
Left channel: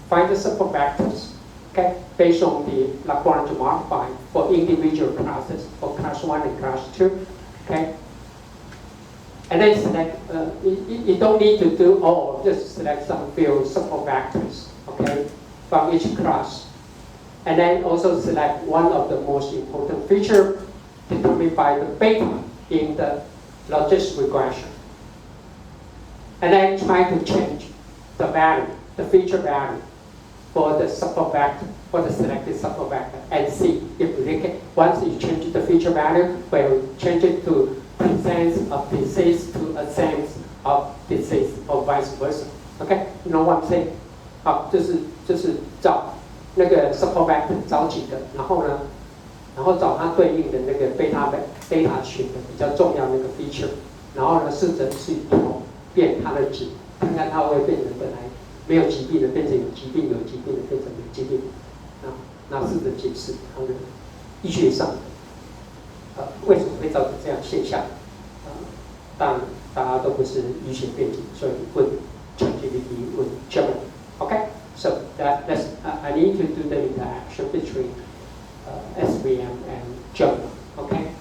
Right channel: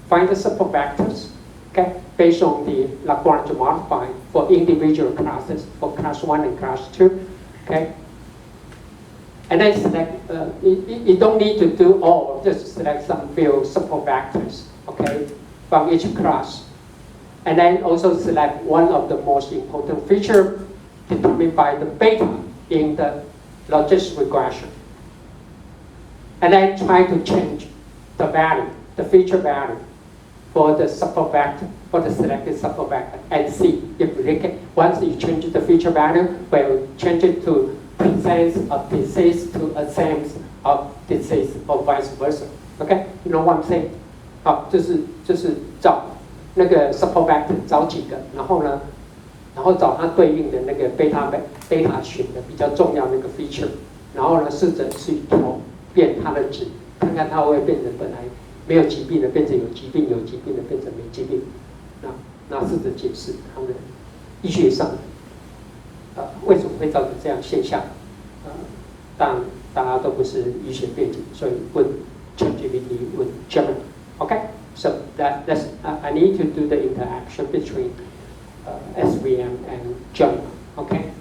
find the support vectors, okay, based on the Lagrange modifier for individual classes, for class 1 and class 2, okay? And then select, you don't need to do all, just select some few support vectors, okay, from each class. And then also select one of the most important features determined by the beta in the logistic regression. And then try to change the value, the feature value for the support vector, for the selected support vector, and see if they can, once you change the feature value, will change it to presence of disease to absence of disease or vice versa. Okay, you know what I'm saying? 好，就是找那个 support vector 找几个，然后找它对应的那个 data 群的比较重要的一个 feature， 然后呢试着去调变它的值，看看它会不会变成本来没有疾病的变成有疾病，有疾病的变成没疾病。那试着解释它的医学上为什么会造成这样现象。但大家都不是医学背景，所以问 ChatGPT 问 Gemini。Okay, so that's I need to do the interaction between SVM and Gemini. Okay.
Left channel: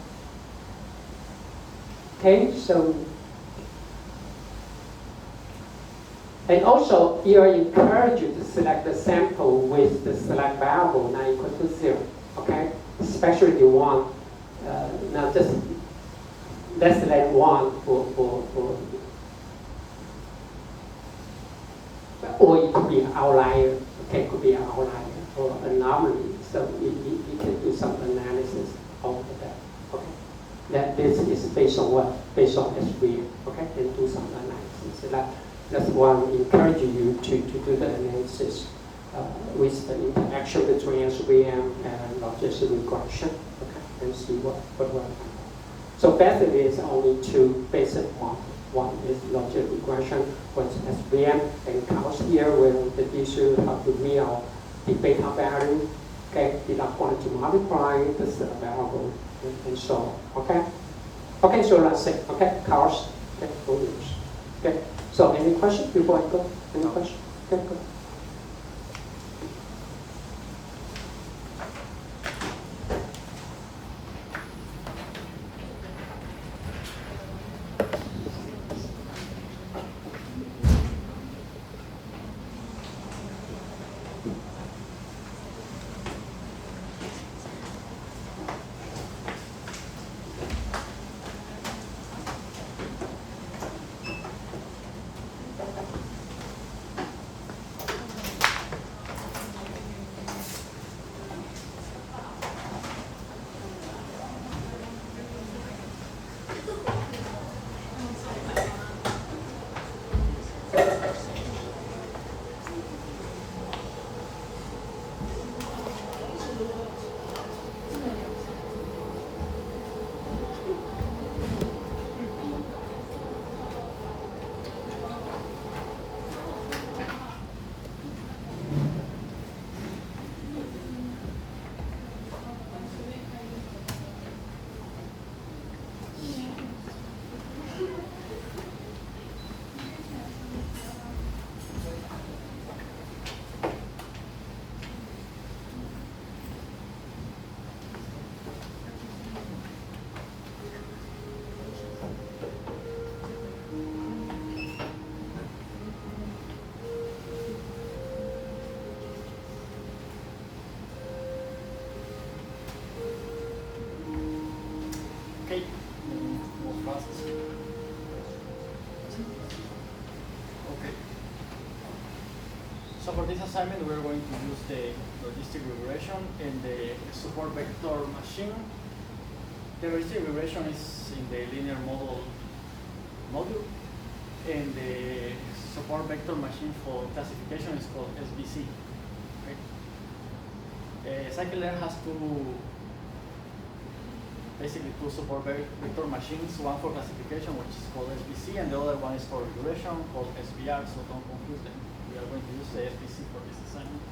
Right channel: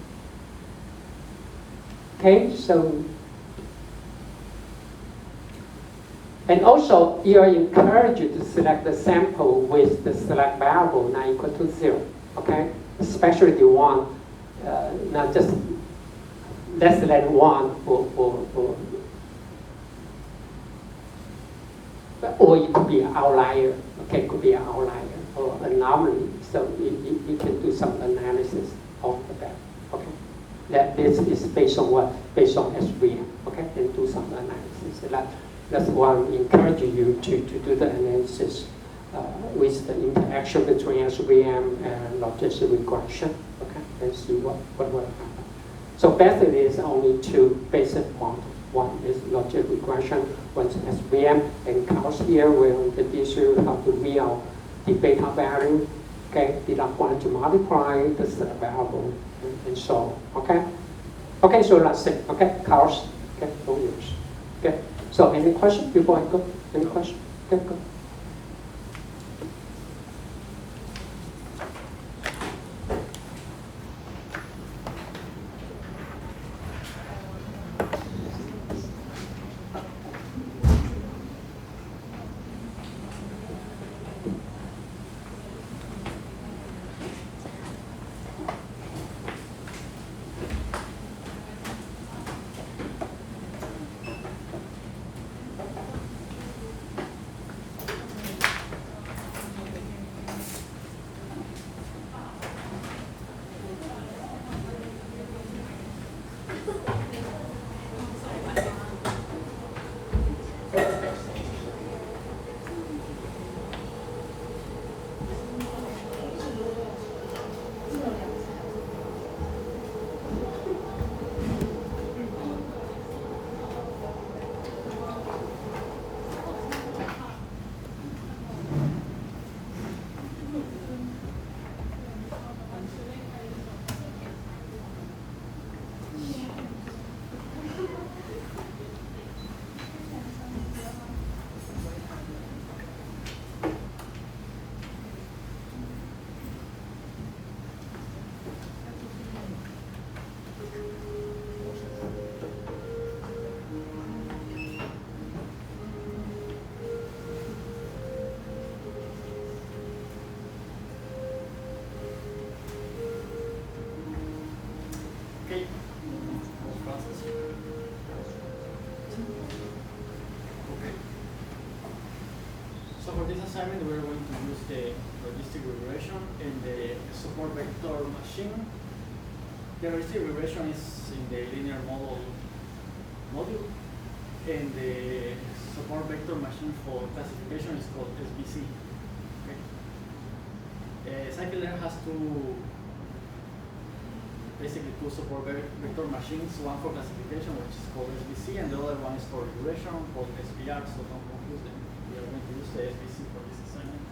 Okay, so And also, you are encouraged to select the sample with the select variable not equal to 0, okay? Especially you want not just less than 1 or it could be an outlier, okay, it could be an outlier or anomaly. So you can do some analysis of that, okay? That this is based on what? Based on SVM, okay? And do some analysis. That's why I'm encouraging you to do the analysis with the interaction between SVM and logistic regression, okay? And see what will happen. So basically, it's only two basic ones. One is logistic regression, one is SVM, and counts here will introduce you how to mirror the beta value, okay? The log one to multiply the variable, and so on, okay? Okay, so that's it, okay? Counts, okay, 4 years, okay? So any question before I go? Any question? Okay, go. Okay. Okay. So for this assignment, we're going to use the logistic regression in the support vector machine. The logistic regression is in the linear model module, and the support vector machine for classification is called SBC. Okay. Scikit-learn has basically two support vector machines, one for classification, which is called SBC, and the other one is for regression, called SVR, so don't confuse them. We are going to use the SBC for this assignment.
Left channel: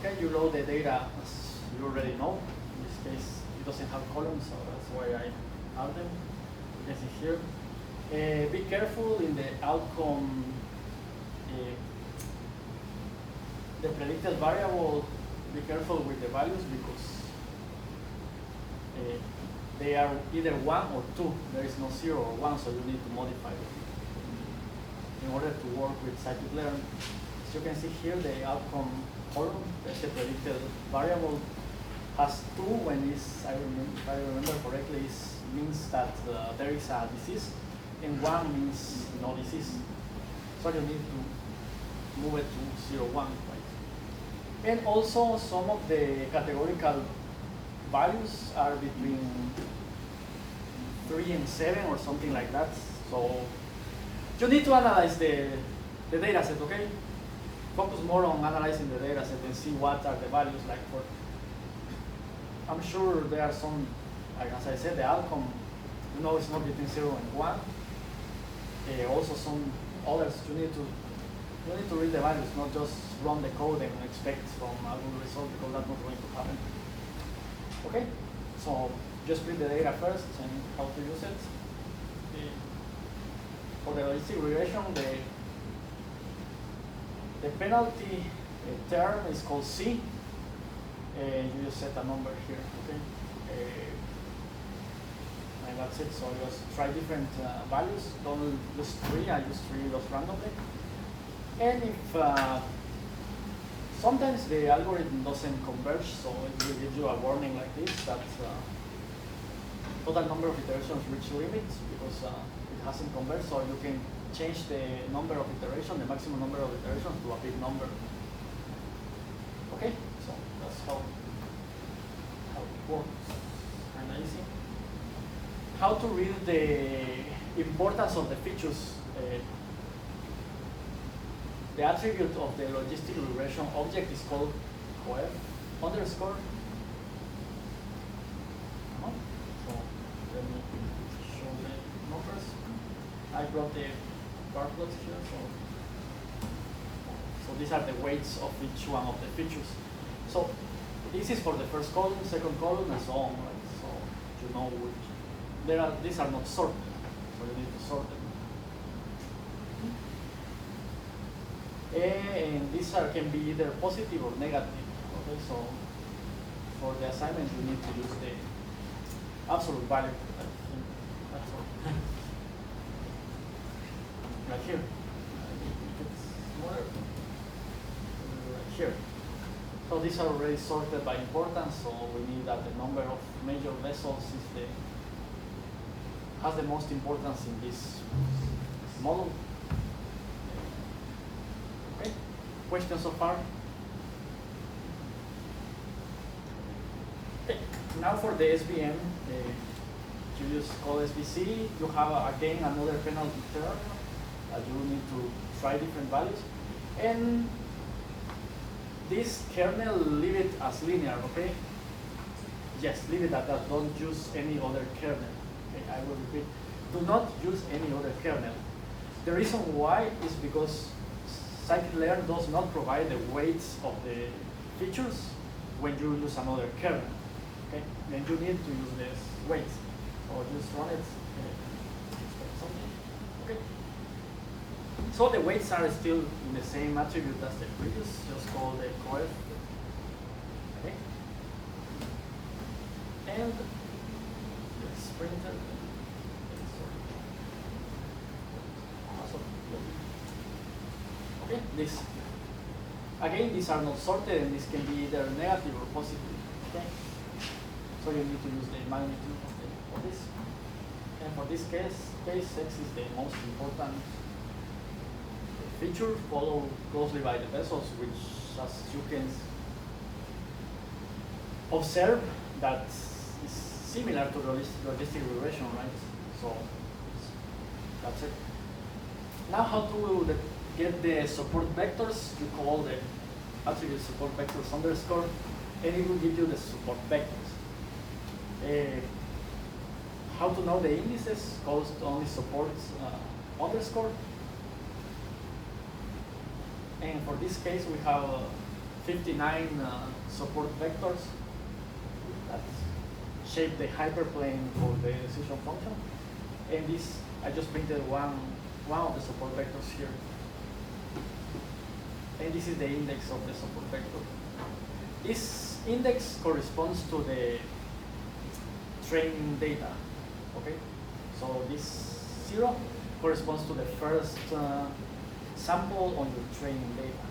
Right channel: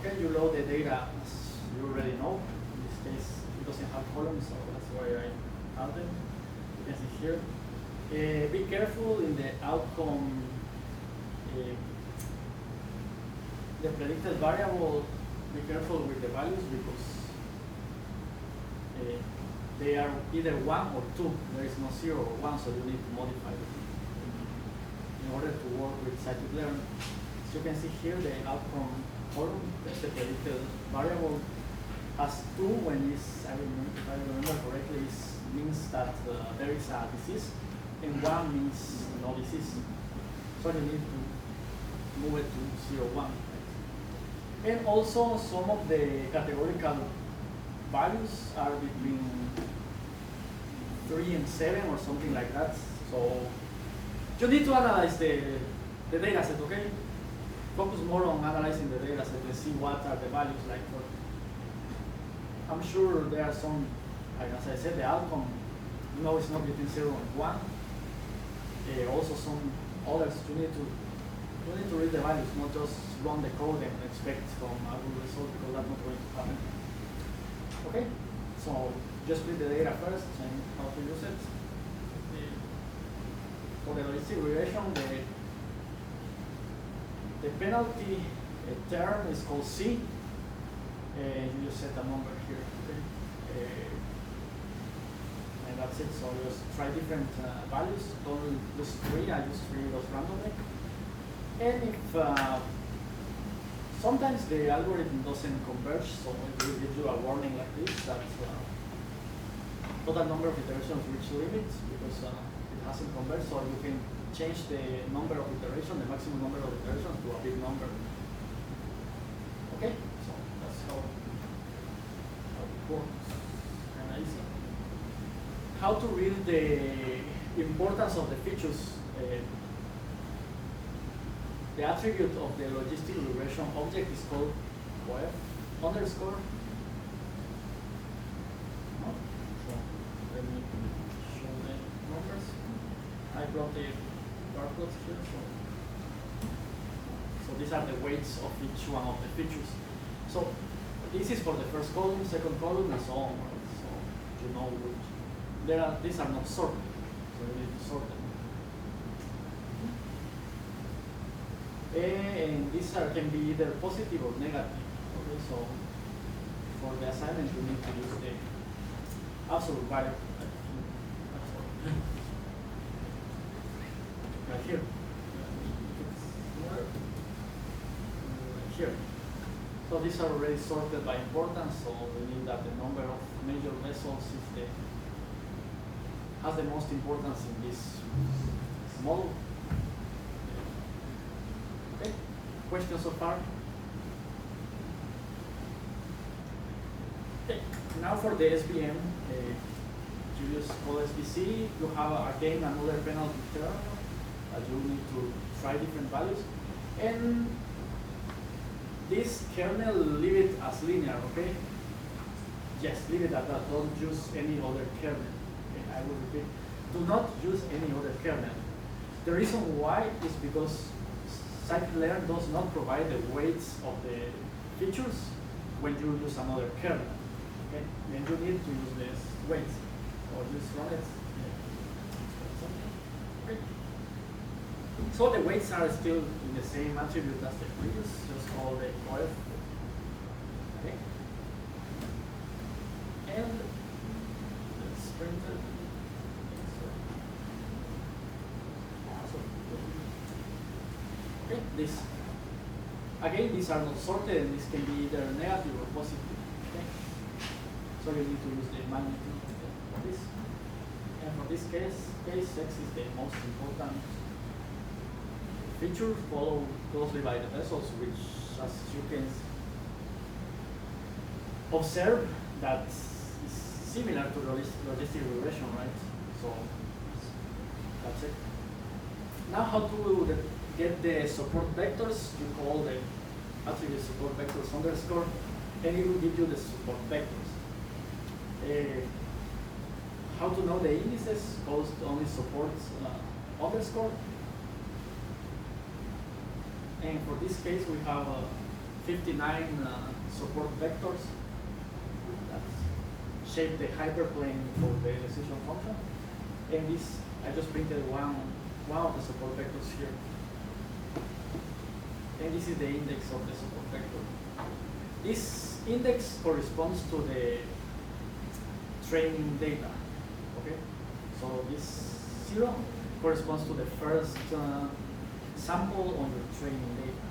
Okay, you load the data as you already know. In this case, it doesn't have columns, so that's why I add them. You can see here. Be careful in the outcome. The predicted variable, be careful with the values because they are either 1 or 2. There is no 0 or 1, so you need to modify it in order to work with scikit-learn. As you can see here, the outcome column, the predicted variable, has 2 when it's, if I remember correctly, means that there is a disease, and 1 means no disease. So you need to move it to 0, 1. And also, some of the categorical values are between 3 and 7 or something like that. So you need to analyze the data set, okay? Focus more on analyzing the data set and see what are the values like. For, I'm sure there are some, like as I said, the outcome, you know, it's not between 0 and 1. Also some others, you need to read the values, not just run the code and expect from a good result, because that's not going to happen. Okay, so just read the data first and how to use it. For the logistic regression, the penalty term is called C. You just set a number here. Okay. I And that's it. So just try different values. Don't use 3. I use 3 just randomly. And if sometimes the algorithm doesn't converge, so it will give you a warning like this that total number of iterations reach limits because it hasn't converged. So you can change the number of iterations, the maximum number of iterations, to a big number. Okay, so that's how it works. And easy. How to read the importance of the features. The attribute of the logistic regression object is called coef underscore. So let me show the numbers. I brought the partlets here. So these are the weights of each one of the features. So this is for the first column, second column, and so on. Right? So you know which. These are not sorted, so you need to sort them. And these can be either positive or negative. Okay, so for the assignment, you need to use the absolute value. Like here. Here. So these are already sorted by importance, so we need that the number of major vessels has the most importance in this model. Okay, questions so far? Okay, now for the SVM, you just call SVC, you have again another penalty term. You need to try different values. And this kernel, leave it as linear, okay? Yes, leave it at that, don't use any other kernel. Okay, I will repeat, do not use any other kernel. The reason why is because scikit-learn does not provide the weights of the features when you use another kernel. Okay? Then you need to use this weights or just run it. Okay. So the weights are still in the same attribute as the previous, just call the coef. Okay. And it's printed. Okay, this. Again, these are not sorted, and this can be either negative or positive. Okay, so you need to use the magnitude of this. And for this case, X is the most important feature, followed closely by the vessels, which, as you can observe, that is similar to logistic regression, right? So that's it. Now, how to get the support vectors? You call the attribute support vectors underscore, and it will give you the support vectors. How to know the indices? Calls only support underscore. And for this case, we have 59 support vectors that shape the hyperplane for the decision function. And this, I just printed one of the support vectors here. And this is the index of the support vector. This index corresponds to the training data. Okay, so this 0 corresponds to the first sample on your training data.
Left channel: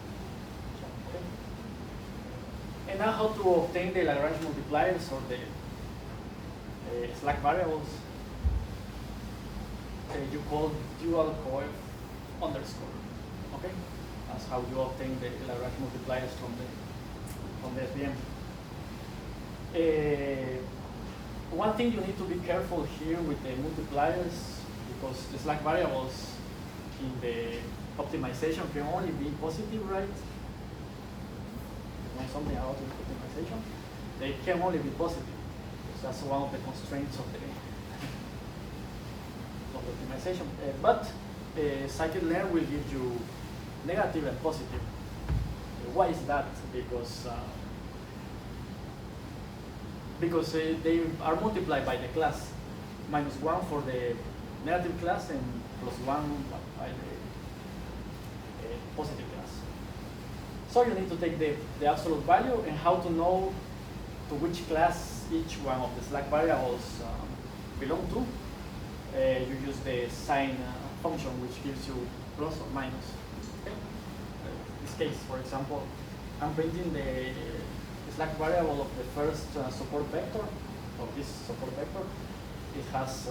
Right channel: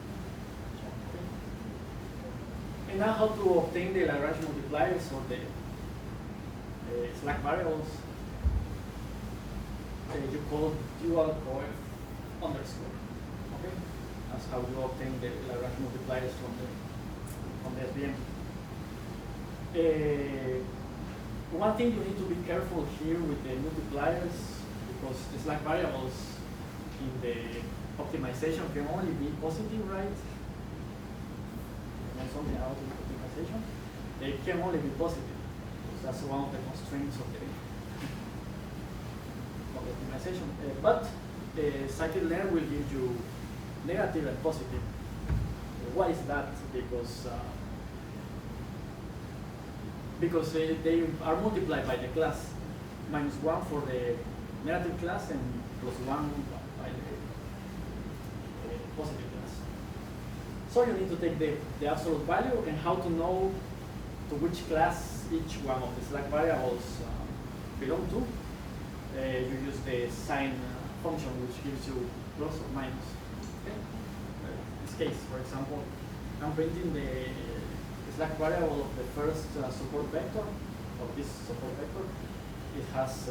Okay. And now, how to obtain the Lagrange multipliers or the slack variables? You call dual coef underscore. Okay, that's how you obtain the Lagrange multipliers from the SVM. One thing you need to be careful here with the multipliers, because the slack variables in the optimization can only be positive, right? You know something about optimization? They can only be positive, because that's one of the constraints of the optimization. But scikit-learn will give you negative and positive. Why is that? Because they are multiplied by the class, -1 for the negative class and +1 by the positive class. So you need to take the absolute value, and how to know to which class each one of the slack variables belong to, you use the sign function, which gives you plus or minus. Okay? This case, for example, I'm printing the slack variable of the first support vector, of this support vector. It has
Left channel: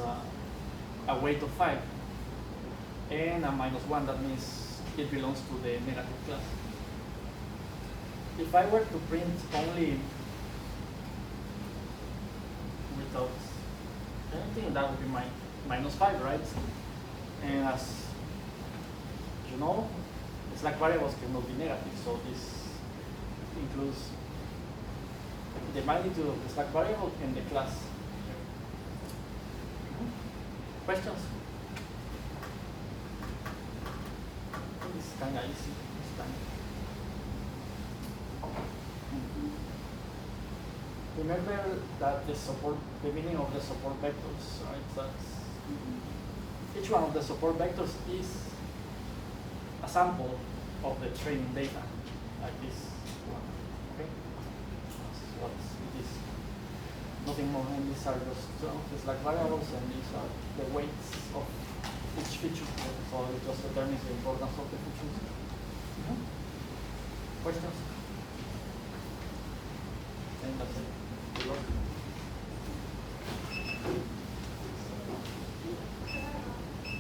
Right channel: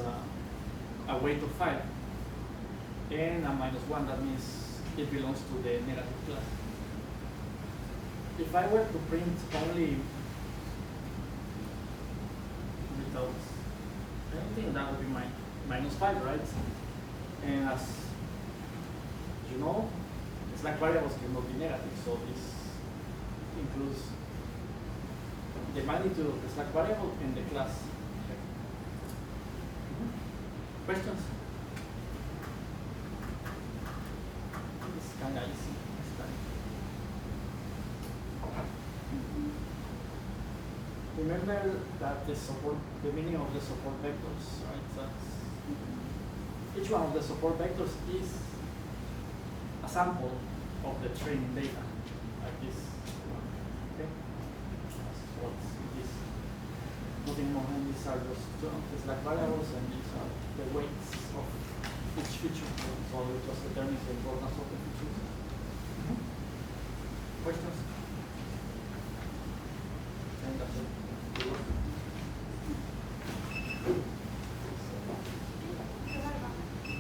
a weight of 5 and a -1. That means it belongs to the negative class. If I were to print only without anything, that would be my -5, right? And as you know, slack variables cannot be negative, so this includes the magnitude of the slack variable and the class. Questions? This is kind of easy. Okay. Remember that the meaning of the support vectors, right? That's, each one of the support vectors is a sample of the training data, like this one. Okay? That's what it is. Nothing more, and these are just the slack variables, and these are the weights of each feature. So it just determines the importance of the features.